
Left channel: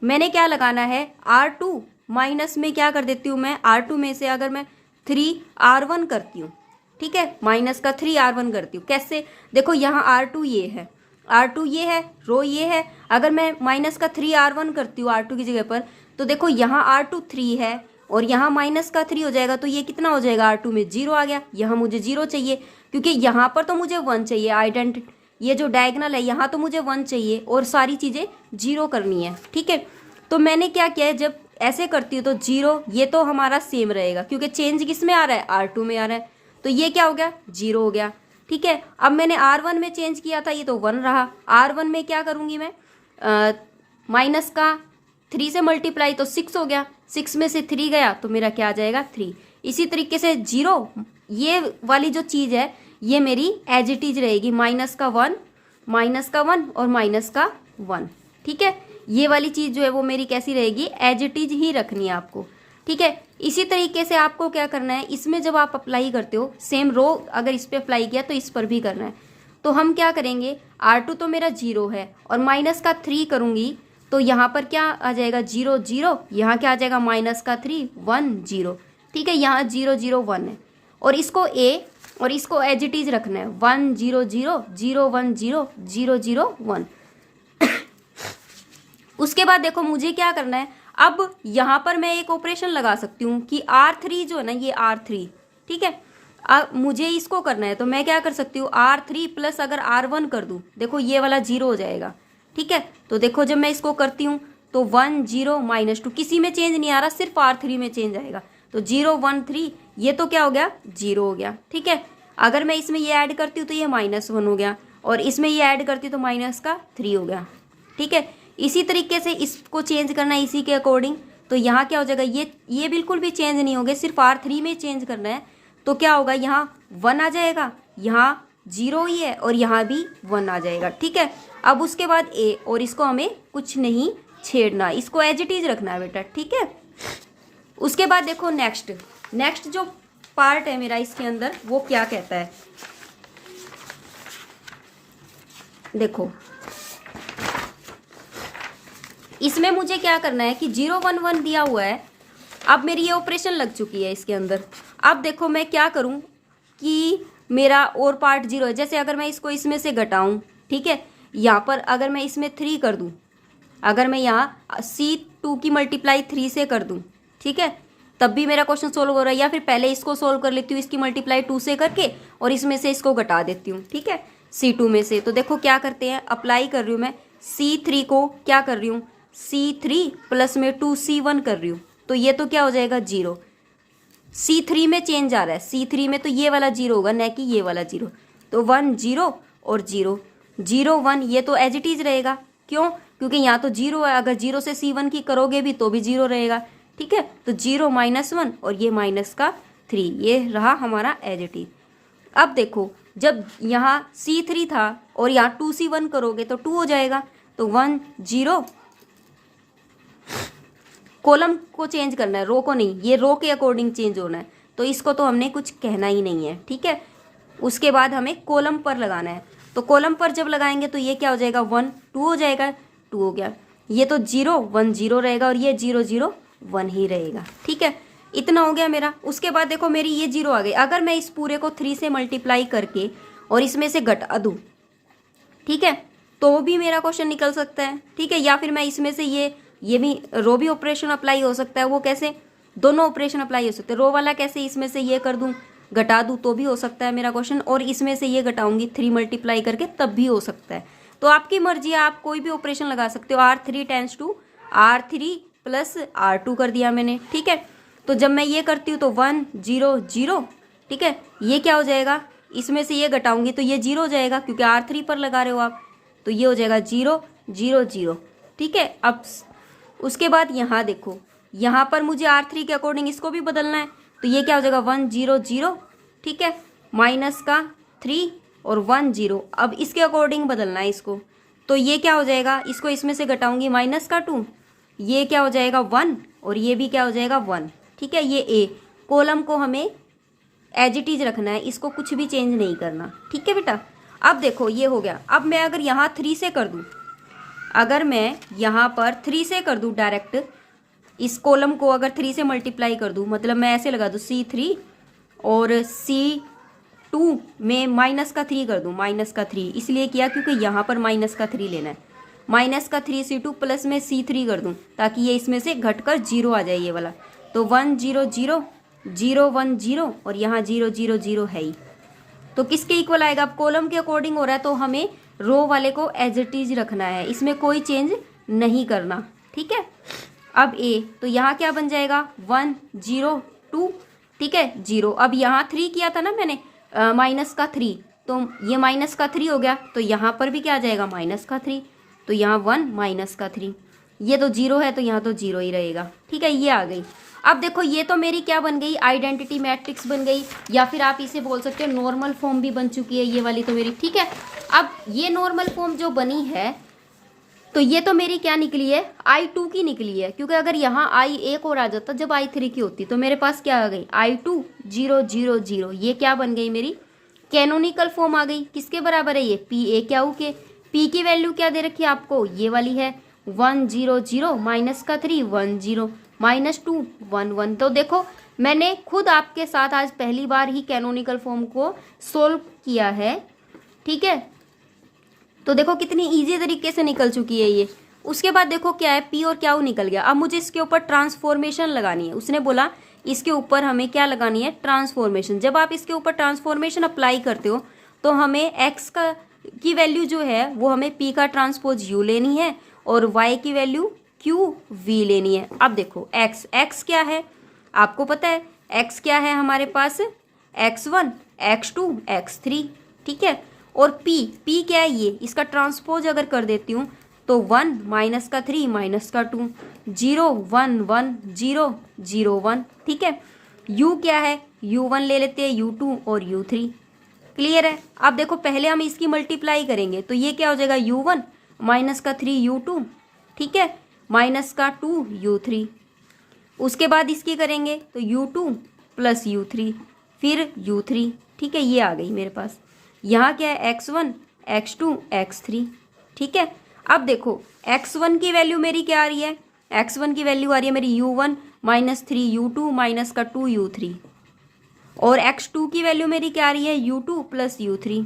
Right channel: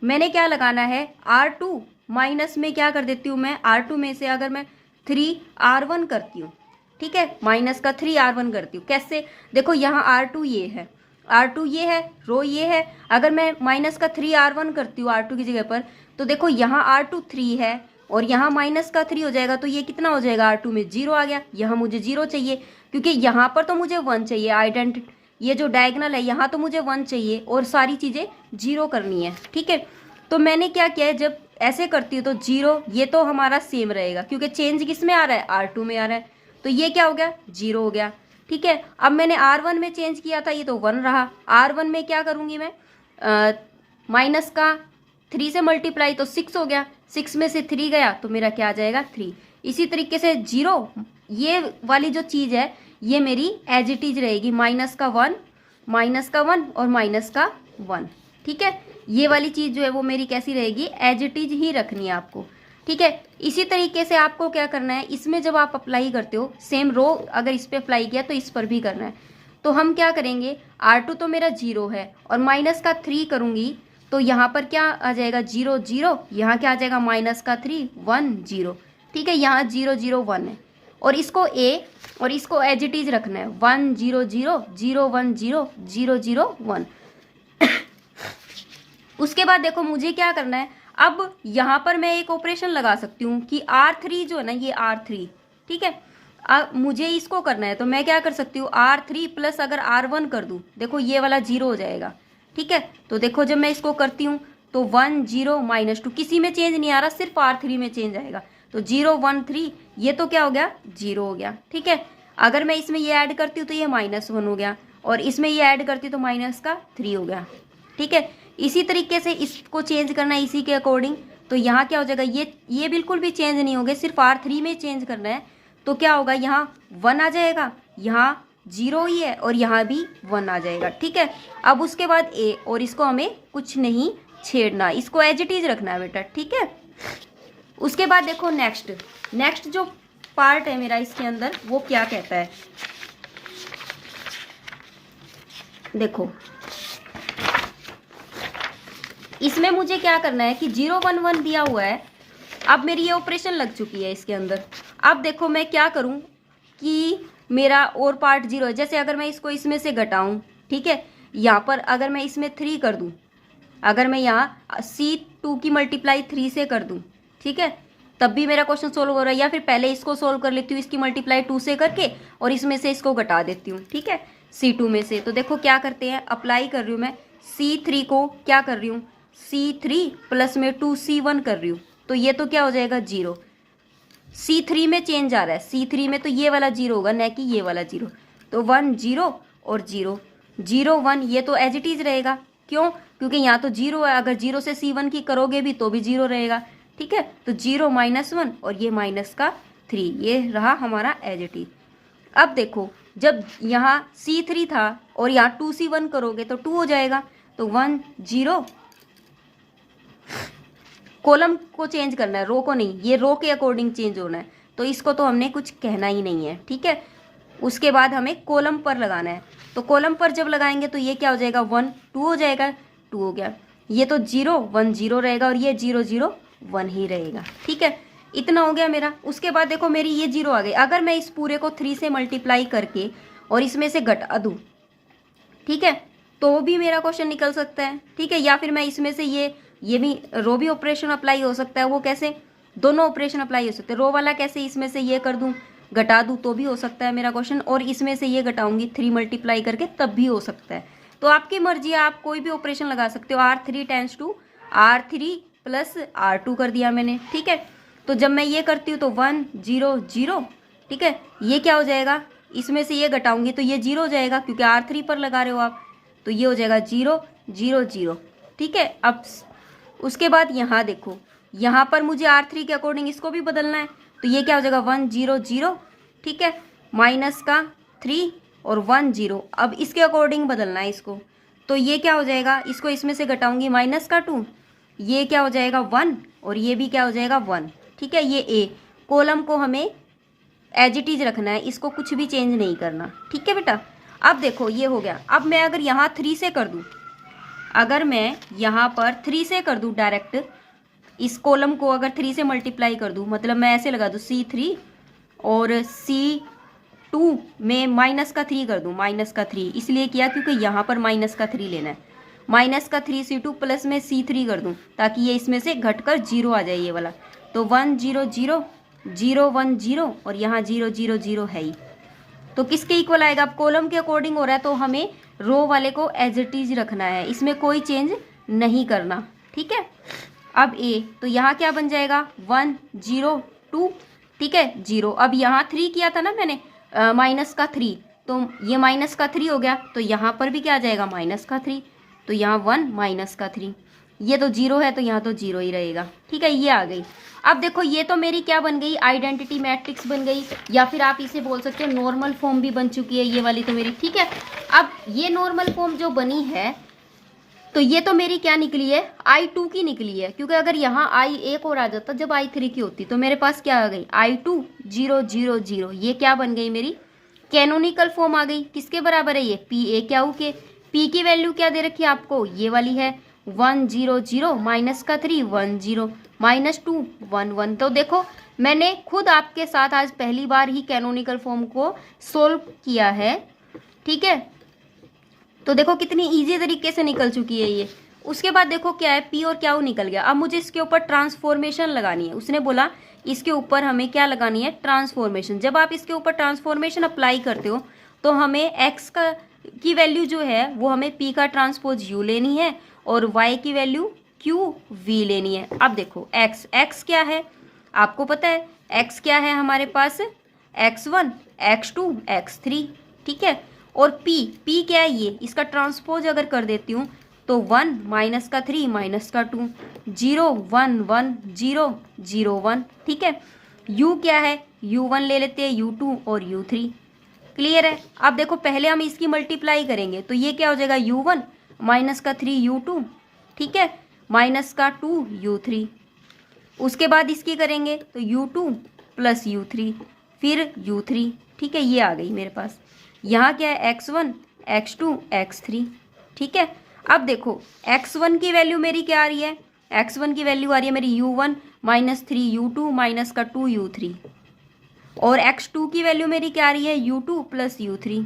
मैंने क्या लगाना है, R2 माइनस में क्या कर देती हूँ मैं, R2 में से अगर मैं 3R1 करती हूँ, ठीक है, माइनस का 3R1 करती हूँ। कैसे, देखो यहाँ R2 ये है, R2 ये है, रो ये है, अगर मैं माइनस का 3R1 करती हूँ R2 की जगह पर, तो देखो यहाँ R2 3 है और यहाँ माइनस का 3 हो जाएगा, तो ये कितना हो जाएगा, R2 में 0 आ गया। यहाँ मुझे 0 चाहिए क्योंकि यहाँ पर तो मुझे 1 चाहिए, आइडेंटिटी ये जो डायगोनल है यहाँ तो मुझे 1 चाहिए और सारी चीज़ें 0 करनी है। ठीक है, तो मैंने क्या किया है, जब ऐसे करती हूँ तो 0 ये तो हमारा सेम रहेगा क्योंकि चेंज किस में आ रहा है, R2 में आ रहा है, तो ये क्या हो गया, 0 हो गया। ठीक है, अब मैंने R1 में चेंज किया था, ये तो 1 रहा। R1 में क्या करूँगी मैं, माइनस का 3 से मल्टीप्लाई तो 6 हो गया, 6 में से 3 गया तो मेरा क्या आ जाएगा, 3। इसी तरीके से 0 ये वाली जो चीज़ है ये मेरी एज इट इज रहेगी, माइनस का 1 और माइनस का 1। ठीक है, ये वाली चीज़ जो है वो मेरी कैसी रहेगी, एज इट इज ही रखनी है आपको। ठीक है, इसी तरीके से आपको क्या करना है, इसमें जब आप अप्लाई करते हो सेम रो अगर इस पर अप्लाई किया तो इस पर भी करना है। तो हम क्या करेंगे, R2 तो मेरा 0 है और माइनस का 3 करूँगी तो यहाँ पर क्या आ जाएगा, 0 0, यहाँ क्या आ जाएगा, माइनस का 3 1 0। ठीक है, यहाँ 0 0 1 है और इसको A और इसको एज इट इज रखना है, 1 0 0 0 1 0 0 0 1। उसके बाद देखो मुझे क्या करना है, अब यहाँ पर मैं एक ऑपरेशन लगा सकती हूँ कि R3 जो है ना, ये R3, ठीक है, अब मुझे इसको करना है तो मैं क्या कर सकती हूँ, R3 प्लस अगर R1 कर दूँ, देखो ये वाला 0 हो जाएगा। ठीक है, तो देखो जब मैं इसको करती हूँ तो 1 0 -2 किसी में चेंज नहीं आ रहा, सिर्फ R3 में चेंज आएगा, तो 0 1 3 ये तो क्या हो गया, 0 हो गया। ठीक है, अगर मैं इसमें ये ऐड करती हूँ तो ये -1 हो गया और इसमें ये ऐड करती हूँ तो माइनस का 3 हो गया। ठीक है, इसी तरीके से इसको चेंज करना है इसी के अकॉर्डिंग, तो यहाँ क्या हो जाएगा, ये बिल्कुल भी चेंज नहीं होगा, सिर्फ R3 में चेंज करना है, तो क्या होगा, यहाँ 1 आ जाएगा, यहाँ 0 ही है और यहाँ भी 1 आ जाएगा। ठीक है, अब उसके बाद A और इसको हमें कुछ नहीं छेड़ना, इसको एज इट इज रखना है बेटा। ठीक है, उसके बाद देखो नेक्स्ट जो पार्ट है मेरा इसके अंदर वो क्या कहता है, देखो इसमें मुझे क्या करना है कि 0 1 1 दिया हुआ है, अब मेरी ये ऑपरेशन लग चुकी है इसके अंदर। अब देखो मैं क्या करूं कि मेरा और पार्ट 0 है, जैसे अगर मैं इसको इसमें से घटाऊं, ठीक है, यहाँ पर अगर मैं इसमें 3 कर दूं, अगर मैं यहाँ C2 की मल्टीप्लाई 3 से कर दूं, ठीक है, तब भी मेरा क्वेश्चन सोल्व हो रहा है, या फिर पहले इसको सोल्व कर लेती हूँ इसकी मल्टीप्लाई 2 से करके और इसमें से इसको घटा देती हूँ। ठीक है, C2 में से, तो देखो क्या करते हैं, अप्लाई कर रही हूँ मैं C3 को, क्या कर रही हूँ, C3 प्लस में 2C1 कर रही हूँ, तो ये तो क्या हो जाएगा, 0। C3 में चेंज आ रहा है, C3 में तो ये वाला 0 होगा, न कि ये वाला 0, तो 1 0 और 0 0 1, ये तो एज इट इज रहेगा। क्यों, क्योंकि यहाँ तो 0 है, अगर 0 से C1 की करोगे भी तो भी 0 रहेगा। ठीक है, तो 0 -1 और ये माइनस का 3, ये रहा हमारा एज इट इज। अब देखो जब यहाँ C3 था और यहाँ 2C1 करोगे तो 2 हो जाएगा, तो 1 0, कॉलम को चेंज करना है, रो को नहीं, ये रो के अकॉर्डिंग चेंज होना है, तो इसको तो हमने कुछ कहना ही नहीं है। ठीक है, उसके बाद हमें कॉलम पर लगाना है, तो कॉलम पर जब लगाएंगे तो ये क्या हो जाएगा, 1 2 हो जाएगा, 2 हो गया, ये तो 0 1 0 रहेगा और ये 0 0 1 ही रहेगा। ठीक है, इतना हो गया मेरा। उसके बाद देखो मेरी ये 0 आ गई, अगर मैं इस पूरे को 3 से मल्टीप्लाई करके और इसमें से घटा दूँ, ठीक है, तो भी मेरा क्वेश्चन निकल सकता है। ठीक है, या फिर मैं इसमें से ये भी रो भी ऑपरेशन अप्लाई हो सकता है, वो कैसे, दोनों ऑपरेशन अप्लाई हो सकते हैं, रो वाला कैसे, इसमें से ये कर दूं घटा दूं तो भी हो सकता है मेरा क्वेश्चन, और इसमें से ये घटाऊंगी 3 मल्टीप्लाई करके तब भी हो सकता है। तो आपकी मर्जी है, आप कोई भी ऑपरेशन लगा सकते हो। R3 tense to R3 plus R2 कर दिया मैंने। ठीक है, तो जब मैं ये करती हूँ तो 1 0 0, ठीक है, ये क्या हो जाएगा, इसमें से ये घटाऊंगी तो ये 0 हो जाएगा क्योंकि R3 पर लगा रहे हो आप, तो ये हो जाएगा 0 0 0। ठीक है, अब उसके बाद यहाँ देखो यहाँ पर मुझे R3 के अकॉर्डिंग इसको भी बदलना है, तो ये क्या हो जाएगा 1 0 0, ठीक है, माइनस का 3 और 1 0। अब इसके अकॉर्डिंग बदलना है इसको, तो ये क्या हो जाएगा, इसको इसमें से घटाऊंगी माइनस का 2, ये क्या हो जाएगा 1 और ये भी क्या हो जाएगा 1, ठीक है। ये ए कॉलम को हमें एज इट इज रखना है, इसको कुछ भी चेंज नहीं करना, ठीक है बेटा। अब देखो ये हो गया। अब मैं अगर यहाँ 3 से कर दूँ, अगर मैं यहाँ पर 3 से कर दूँ डायरेक्ट, इस कॉलम को अगर 3 से मल्टीप्लाई कर दूँ, मतलब मैं ऐसे लगा दूँ C3 और C2 में माइनस का 3 कर दूँ, माइनस का 3 इसलिए किया क्योंकि यहाँ पर माइनस का 3 लेना है, माइनस का 3 C2 प्लस में C3 कर दूँ ताकि ये इसमें से घटकर 0 आ जाए ये वाला, तो 1 0 0 0 1 0 और यहाँ 0 0 0 है ही, तो किसके इक्वल आएगा। अब कॉलम के अकॉर्डिंग हो रहा है तो हमें रो वाले को एज इट इज रखना है, इसमें कोई चेंज नहीं करना, ठीक है। अब ए, तो यहाँ क्या बन जाएगा 1 0 2, ठीक है 0। अब यहाँ 3 किया था ना मैंने माइनस का 3, तो ये माइनस का 3 हो गया, तो यहाँ पर भी क्या आ जाएगा माइनस का 3, तो यहाँ 1 माइनस का 3, ये तो 0 है तो यहाँ तो 0 ही रहेगा, ठीक है। ये आ गई। अब देखो ये तो मेरी क्या बन गई, आइडेंटिटी मैट्रिक्स बन गई, या फिर आप इसे बोल सकते हो नॉर्मल फॉर्म भी बन चुकी है ये वाली तो मेरी, ठीक है। अब ये नॉर्मल फॉर्म जो बनी है तो ये तो मेरी क्या निकली है I2 की निकली है, क्योंकि अगर यहाँ I एक और आ जाता जब I3 की होती, तो मेरे पास क्या आ गई I2 0 0 0, ये क्या बन गई मेरी कैनोनिकल फॉर्म आ गई। किसके बराबर है ये PA क्यू के। P की वैल्यू क्या दे रखी है आपको, ये वाली है 1 0 0 माइनस का 3 1 0 माइनस 2 1 1। तो देखो मैंने खुद आपके साथ आज पहली बार ही कैनोनिकल फॉर्म को सोल्व किया है, ठीक है। तो देखो कितनी इजी तरीके से निकल चुकी है ये। उसके बाद देखो क्या है P और क्या निकल गया। अब मुझे इसके ऊपर ट्रांसफॉर्मेशन लगानी है, उसने बोला इसके ऊपर हमें क्या लगानी है ट्रांसफॉर्मेशन। जब आप इसके ऊपर ट्रांसफॉर्मेशन अप्लाई करते हो तो हमें x की वैल्यू जो है वो हमें P का ट्रांसपोज U लेनी है और y की वैल्यू QV लेनी है। अब देखो x क्या है आपको पता है, x क्या है हमारे पास x1 x2 x3, ठीक है। और P क्या है ये, इसका ट्रांसपोज अगर कर देती हूँ तो 1 माइनस का 3 माइनस का 2 0 1 1 0 0 1, ठीक है। U क्या है U1 ले लेते हैं, U2 और U3, क्लियर है। अब देखो पहले हम इसकी मल्टीप्लाई करेंगे तो ये क्या हो जाएगा U1 माइनस का 3 U2, ठीक है, माइनस का 2 U3। उसके बाद इसकी करेंगे तो U2 प्लस U3 फिर U3, ठीक है। ये आ गई मेरे पास। यहाँ क्या है x1 x2 x3, ठीक है। अब देखो x1 की वैल्यू मेरी क्या आ रही है, x1 की वैल्यू आ रही है मेरी U1 माइनस 3 U2 माइनस का 2 U3, और x2 की वैल्यू मेरी क्या आ रही है U2 प्लस U3,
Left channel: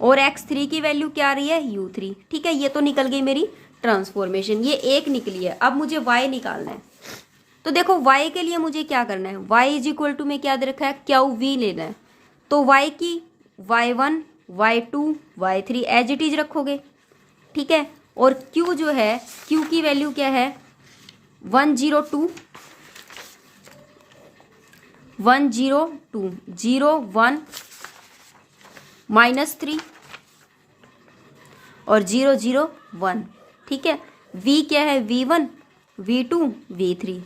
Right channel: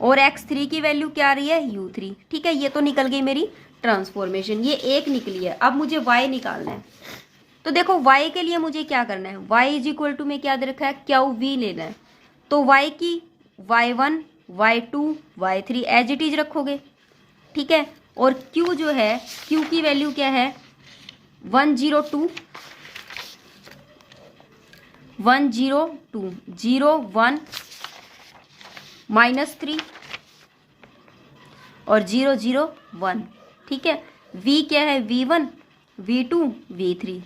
और x3 की वैल्यू क्या आ रही है U3, ठीक है। ये तो निकल गई मेरी ट्रांसफॉर्मेशन, ये एक निकली है। अब मुझे y निकालना है, तो देखो y के लिए मुझे क्या करना है, y इज इक्वल टू में क्या दे रखा है QV लेना है, तो y की y1 y2 y3 as it is रखोगे, ठीक है। और q जो है q की वैल्यू क्या है 1 0 2 1 0 2 0 1 माइनस 3 और 0 0 1, ठीक है। v क्या है v1 v2 v3।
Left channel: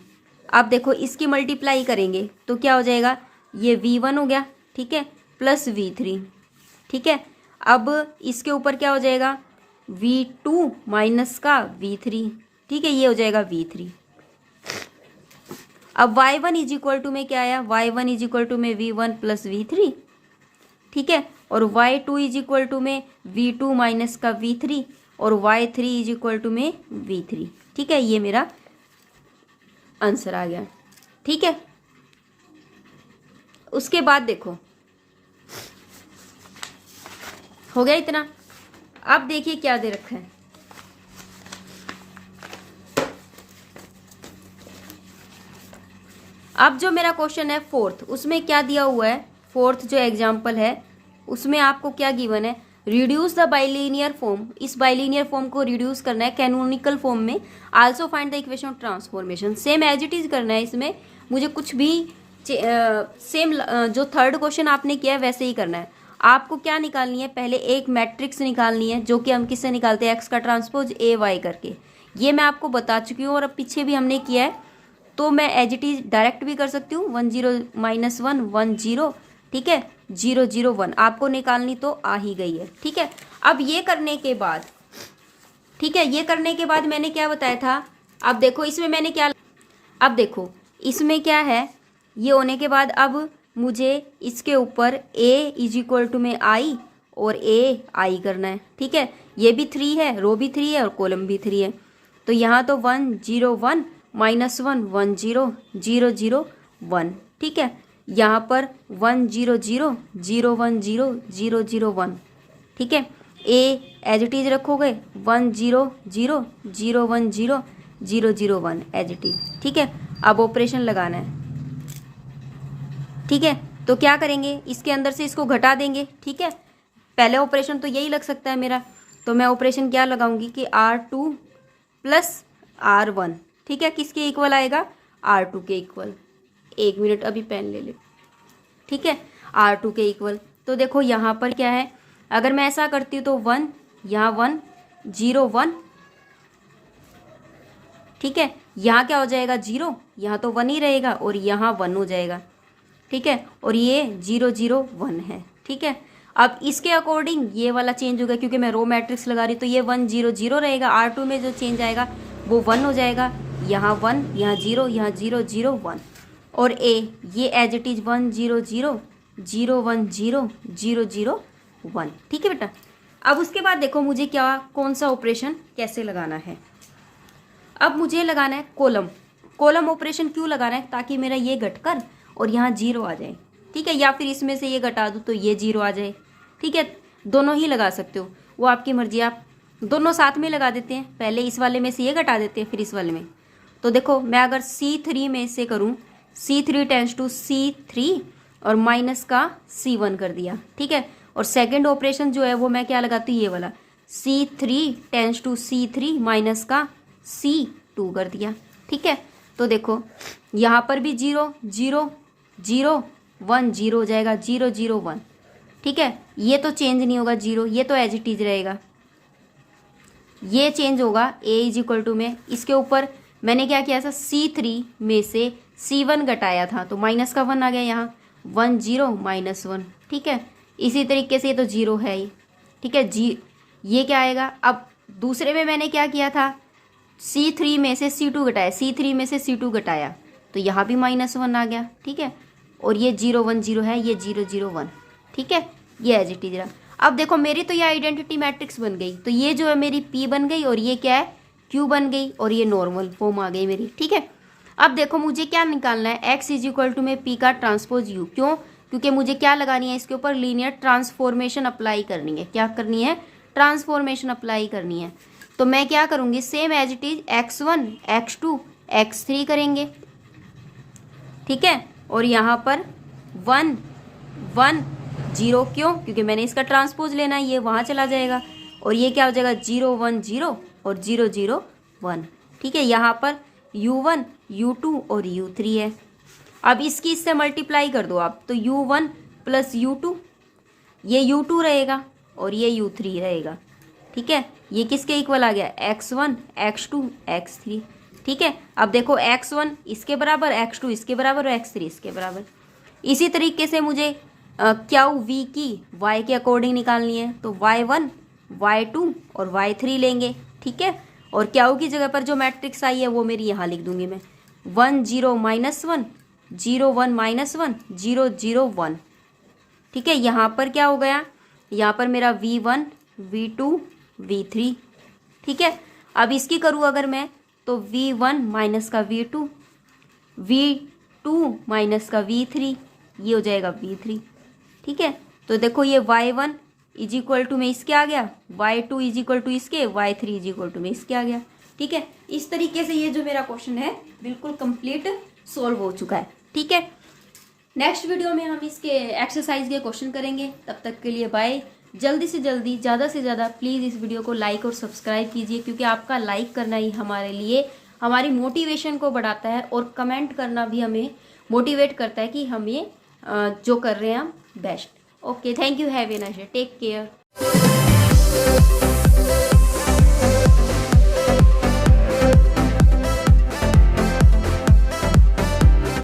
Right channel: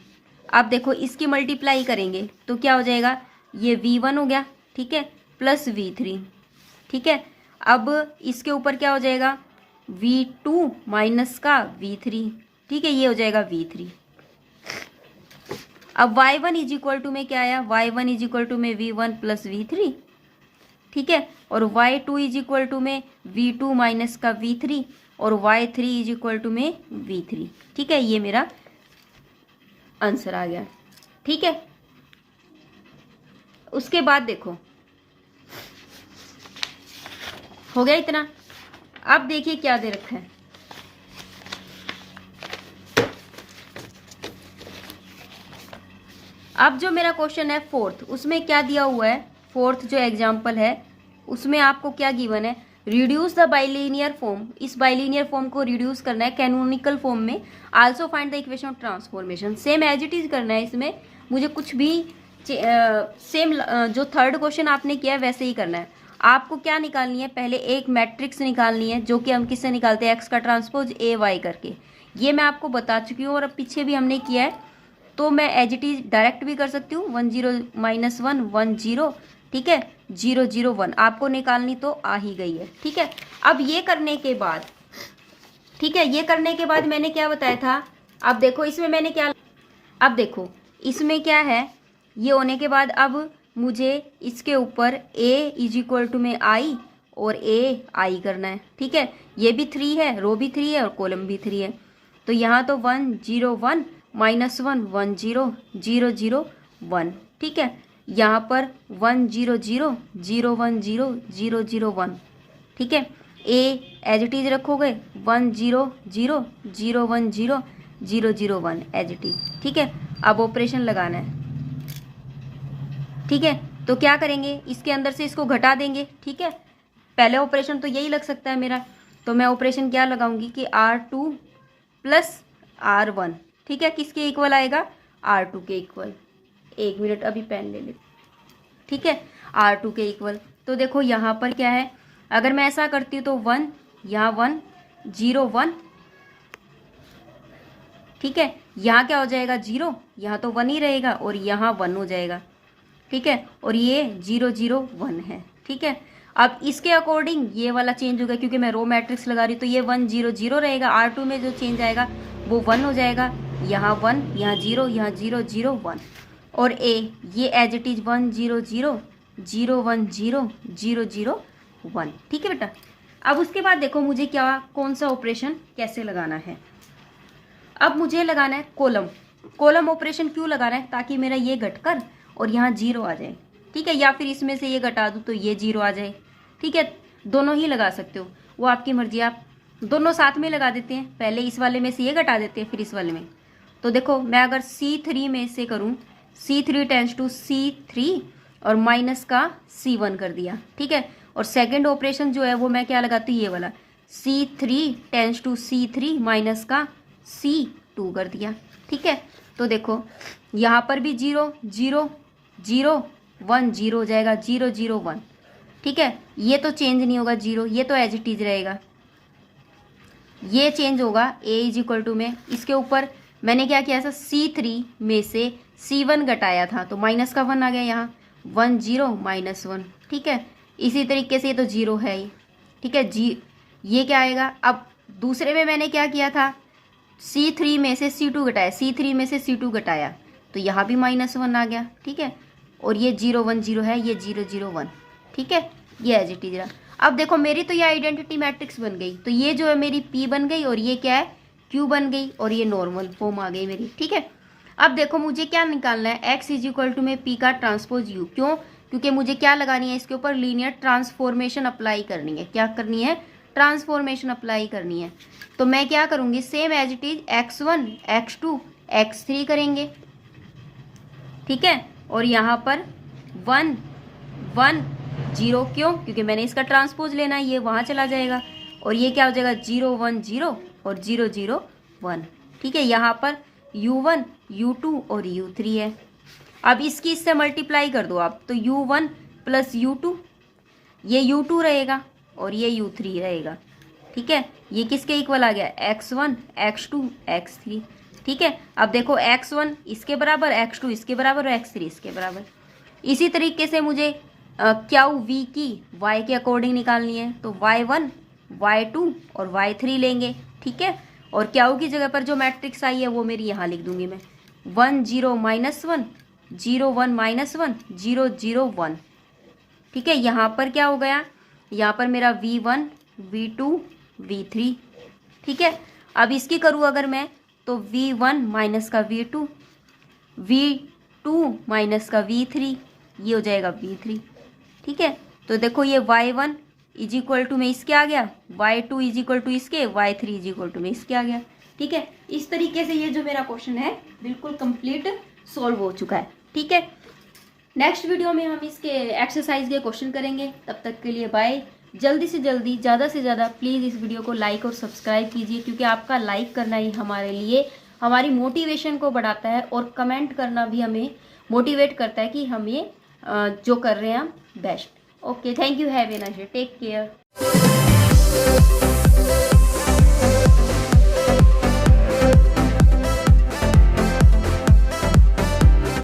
अब देखो इसकी मल्टीप्लाई करेंगे तो क्या हो जाएगा, ये v1 हो गया, ठीक है, प्लस v3, ठीक है। अब इसके ऊपर क्या हो जाएगा v2 माइनस का v3, ठीक है, ये हो जाएगा v3। अब y1 इज इक्वल टू में क्या आया, y1 इज इक्वल टू में v1 प्लस v3, ठीक है, और y2 इज इक्वल टू में v2 माइनस का v3 और y3 इज इक्वल टू में v3, ठीक है। ये मेरा आंसर आ गया, ठीक है। उसके बाद देखो हो गया इतना। अब देखिए क्या दे रखा है, अब जो मेरा क्वेश्चन है फोर्थ, उसमें क्या दिया हुआ है, फोर्थ जो एग्जाम्पल है उसमें आपको क्या गिवन है, रिड्यूस द बाइलिनियर फॉर्म। इस बाइलिनियर फॉर्म को रिड्यूस करना है कैनोनिकल फॉर्म में। Also find the equation of transformation. Same as it is करना है, इसमें मुझे कुछ भी सेम जो थर्ड क्वेश्चन आपने किया है वैसे ही करना है। आपको क्या निकालनी है, पहले एक मैट्रिक्स निकालनी है जो कि हम किससे निकालते हैं, एक्स का ट्रांसपोज ए वाई करके। ये मैं आपको बता चुकी हूँ और अब पीछे भी हमने किया है, तो मैं एज इट इज डायरेक्ट भी कर सकती हूँ, 1 0 -1 1 0, ठीक है, 0 0 1 आपको निकालनी तो आ ही गई है, ठीक है। अब ये करने के बाद, ठीक है, ये करने के बाद मैंने क्या बताया था, अब देखो इसमें मैंने क्या, अब देखो इसमें क्या है, ये होने के बाद अब मुझे इसके ऊपर a इज इक्वल टू में आई और ai करना है, ठीक है। ये भी 3 है, रो भी 3 है और कॉलम भी 3 है, तो यहाँ तो 1 0 1 -1 1 0 0 0 1, ठीक है। यहाँ पर 1 0 0 0 1 0 0 0 1, ठीक है। a एज इट इज रखोगे 1 0 0 0 1 0 0 0 1 एज इट इज, ठीक है। अब ऑपरेशन लगाना है, ठीक है। तो क्या करेंगे, इसके अंदर से इसको घटा देंगे, ठीक है। पहले ऑपरेशन तो यही लग सकता है मेरा, तो मैं ऑपरेशन क्या लगाऊंगी कि R2 + R1, ठीक है, किसके इक्वल आएगा, R2 के इक्वल। 1 मिनट अभी पेन ले ले, ठीक है, R2 के इक्वल। तो देखो यहाँ पर क्या है, अगर मैं ऐसा करती हूँ तो 1 यहाँ 1 0 1, ठीक है। यहाँ क्या हो जाएगा 0, यहाँ तो 1 ही रहेगा और यहाँ 1 हो जाएगा, ठीक है। और ये 0 0 1 है, ठीक है। अब इसके अकॉर्डिंग ये वाला चेंज होगा, क्योंकि मैं रो मैट्रिक्स लगा रही हूँ, तो ये 1 0 0 रहेगा। R2 में जो चेंज आएगा वो 1 हो जाएगा, यहाँ 1 यहाँ 0 यहाँ 0 0 1। और a ये एज इट इज 1 0 0 0 1 0 0 0 1, ठीक है बेटा। अब उसके बाद देखो मुझे क्या, कौन सा ऑपरेशन कैसे लगाना है। अब मुझे लगाना है कॉलम। कॉलम ऑपरेशन क्यों लगाना है, ताकि मेरा ये घटकर और यहाँ 0 आ जाए, ठीक है, या फिर इसमें से ये घटा दूँ तो ये 0 आ जाए, ठीक है। दोनों ही लगा सकते हो, वो आपकी मर्जी, आप दोनों साथ में लगा देते हैं, पहले इस वाले में से ये घटा देते हैं फिर इस वाले में। तो देखो मैं अगर C3 में से करूँ, C3 टेंस टू C3 और माइनस का C1 कर दिया, ठीक है। और सेकेंड ऑपरेशन जो है वो मैं क्या लगाती हूँ, ये वाला C3 tense to C3 minus का C2 कर दिया, ठीक है। तो देखो यहाँ पर भी 0 0 0 1 0 हो जाएगा, 0 0 1, ठीक है। ये तो चेंज नहीं होगा 0, ये तो एज इट इज रहेगा। ये चेंज होगा a इज इक्वल टू में, इसके ऊपर मैंने क्या किया था, C3 में से C1 घटाया था तो माइनस का 1 आ गया, यहाँ 1 0 -1, ठीक है। इसी तरीके से ये तो 0 है ही, ठीक है जी। ये क्या आएगा, अब दूसरे में मैंने क्या किया था, C3 में से C2 घटाया, C3 में से C2 घटाया, तो यहाँ भी -1 आ गया, ठीक है। और ये 0 1 0 है, ये 0 0 1, ठीक है, ये एज इट इज रहा। अब देखो मेरी तो ये आइडेंटिटी मैट्रिक्स बन गई, तो ये जो है मेरी P बन गई और ये क्या है Q बन गई और ये नॉर्मल फॉर्म आ गई मेरी, ठीक है। अब देखो मुझे क्या निकालना है, x इज इक्वल टू में P का ट्रांसपोज U, क्यों, क्योंकि मुझे क्या लगानी है, इसके ऊपर लीनियर ट्रांसफॉर्मेशन अप्लाई करनी है। क्या करनी है, ट्रांसफॉर्मेशन अप्लाई करनी है। तो मैं क्या करूँगी, same as it is x1 x2 x3 करेंगे, ठीक है। और यहाँ पर 1 1 0, क्यों, क्योंकि मैंने इसका ट्रांसपोज लेना है, ये वहाँ चला जाएगा। और ये क्या हो जाएगा 0 1 0 और 0 0 1, ठीक है। यहाँ पर U1 U2 और U3 है। अब इसकी इससे मल्टीप्लाई कर दो आप, तो U1 + U2, ये U2 रहेगा और ये U3 रहेगा, ठीक है। ये किसके इक्वल आ गया, x1 x2 x3, ठीक है। अब देखो x1 इसके बराबर, x2 इसके बराबर और x3 इसके बराबर। इसी तरीके से मुझे क्यू वी की y के अकॉर्डिंग निकालनी है, तो y1 y2 और y3 लेंगे, ठीक है। और क्यू की जगह पर जो मैट्रिक्स आई है वो मेरी यहाँ लिख दूंगी मैं, 1 0 -1 0 1 -1 0 0 1, ठीक है। यहाँ पर क्या हो गया, यहाँ पर मेरा v1 v2 v3, ठीक है। अब इसकी करूँ अगर मैं, तो v1 माइनस का v2 v2 माइनस का v3, ये हो जाएगा v3, ठीक है। तो देखो ये y1 इज इक्वल टू में इसके आ गया, y2 इज इक्वल टू इसके, y3 इज इक्वल टू में इसके आ गया, ठीक है। इस तरीके से ये जो मेरा क्वेश्चन है बिल्कुल कंप्लीट सॉल्व हो चुका है, ठीक है। नेक्स्ट वीडियो में हम इसके एक्सरसाइज के क्वेश्चन करेंगे, तब तक के लिए बाय। जल्दी से जल्दी, ज़्यादा से ज़्यादा प्लीज़ इस वीडियो को लाइक और सब्सक्राइब कीजिए, क्योंकि आपका लाइक करना ही हमारे लिए हमारी मोटिवेशन को बढ़ाता है, और कमेंट करना भी हमें मोटिवेट करता है कि हम ये जो कर रहे हैं हम best. Okay, thank you, have a nice day, take care.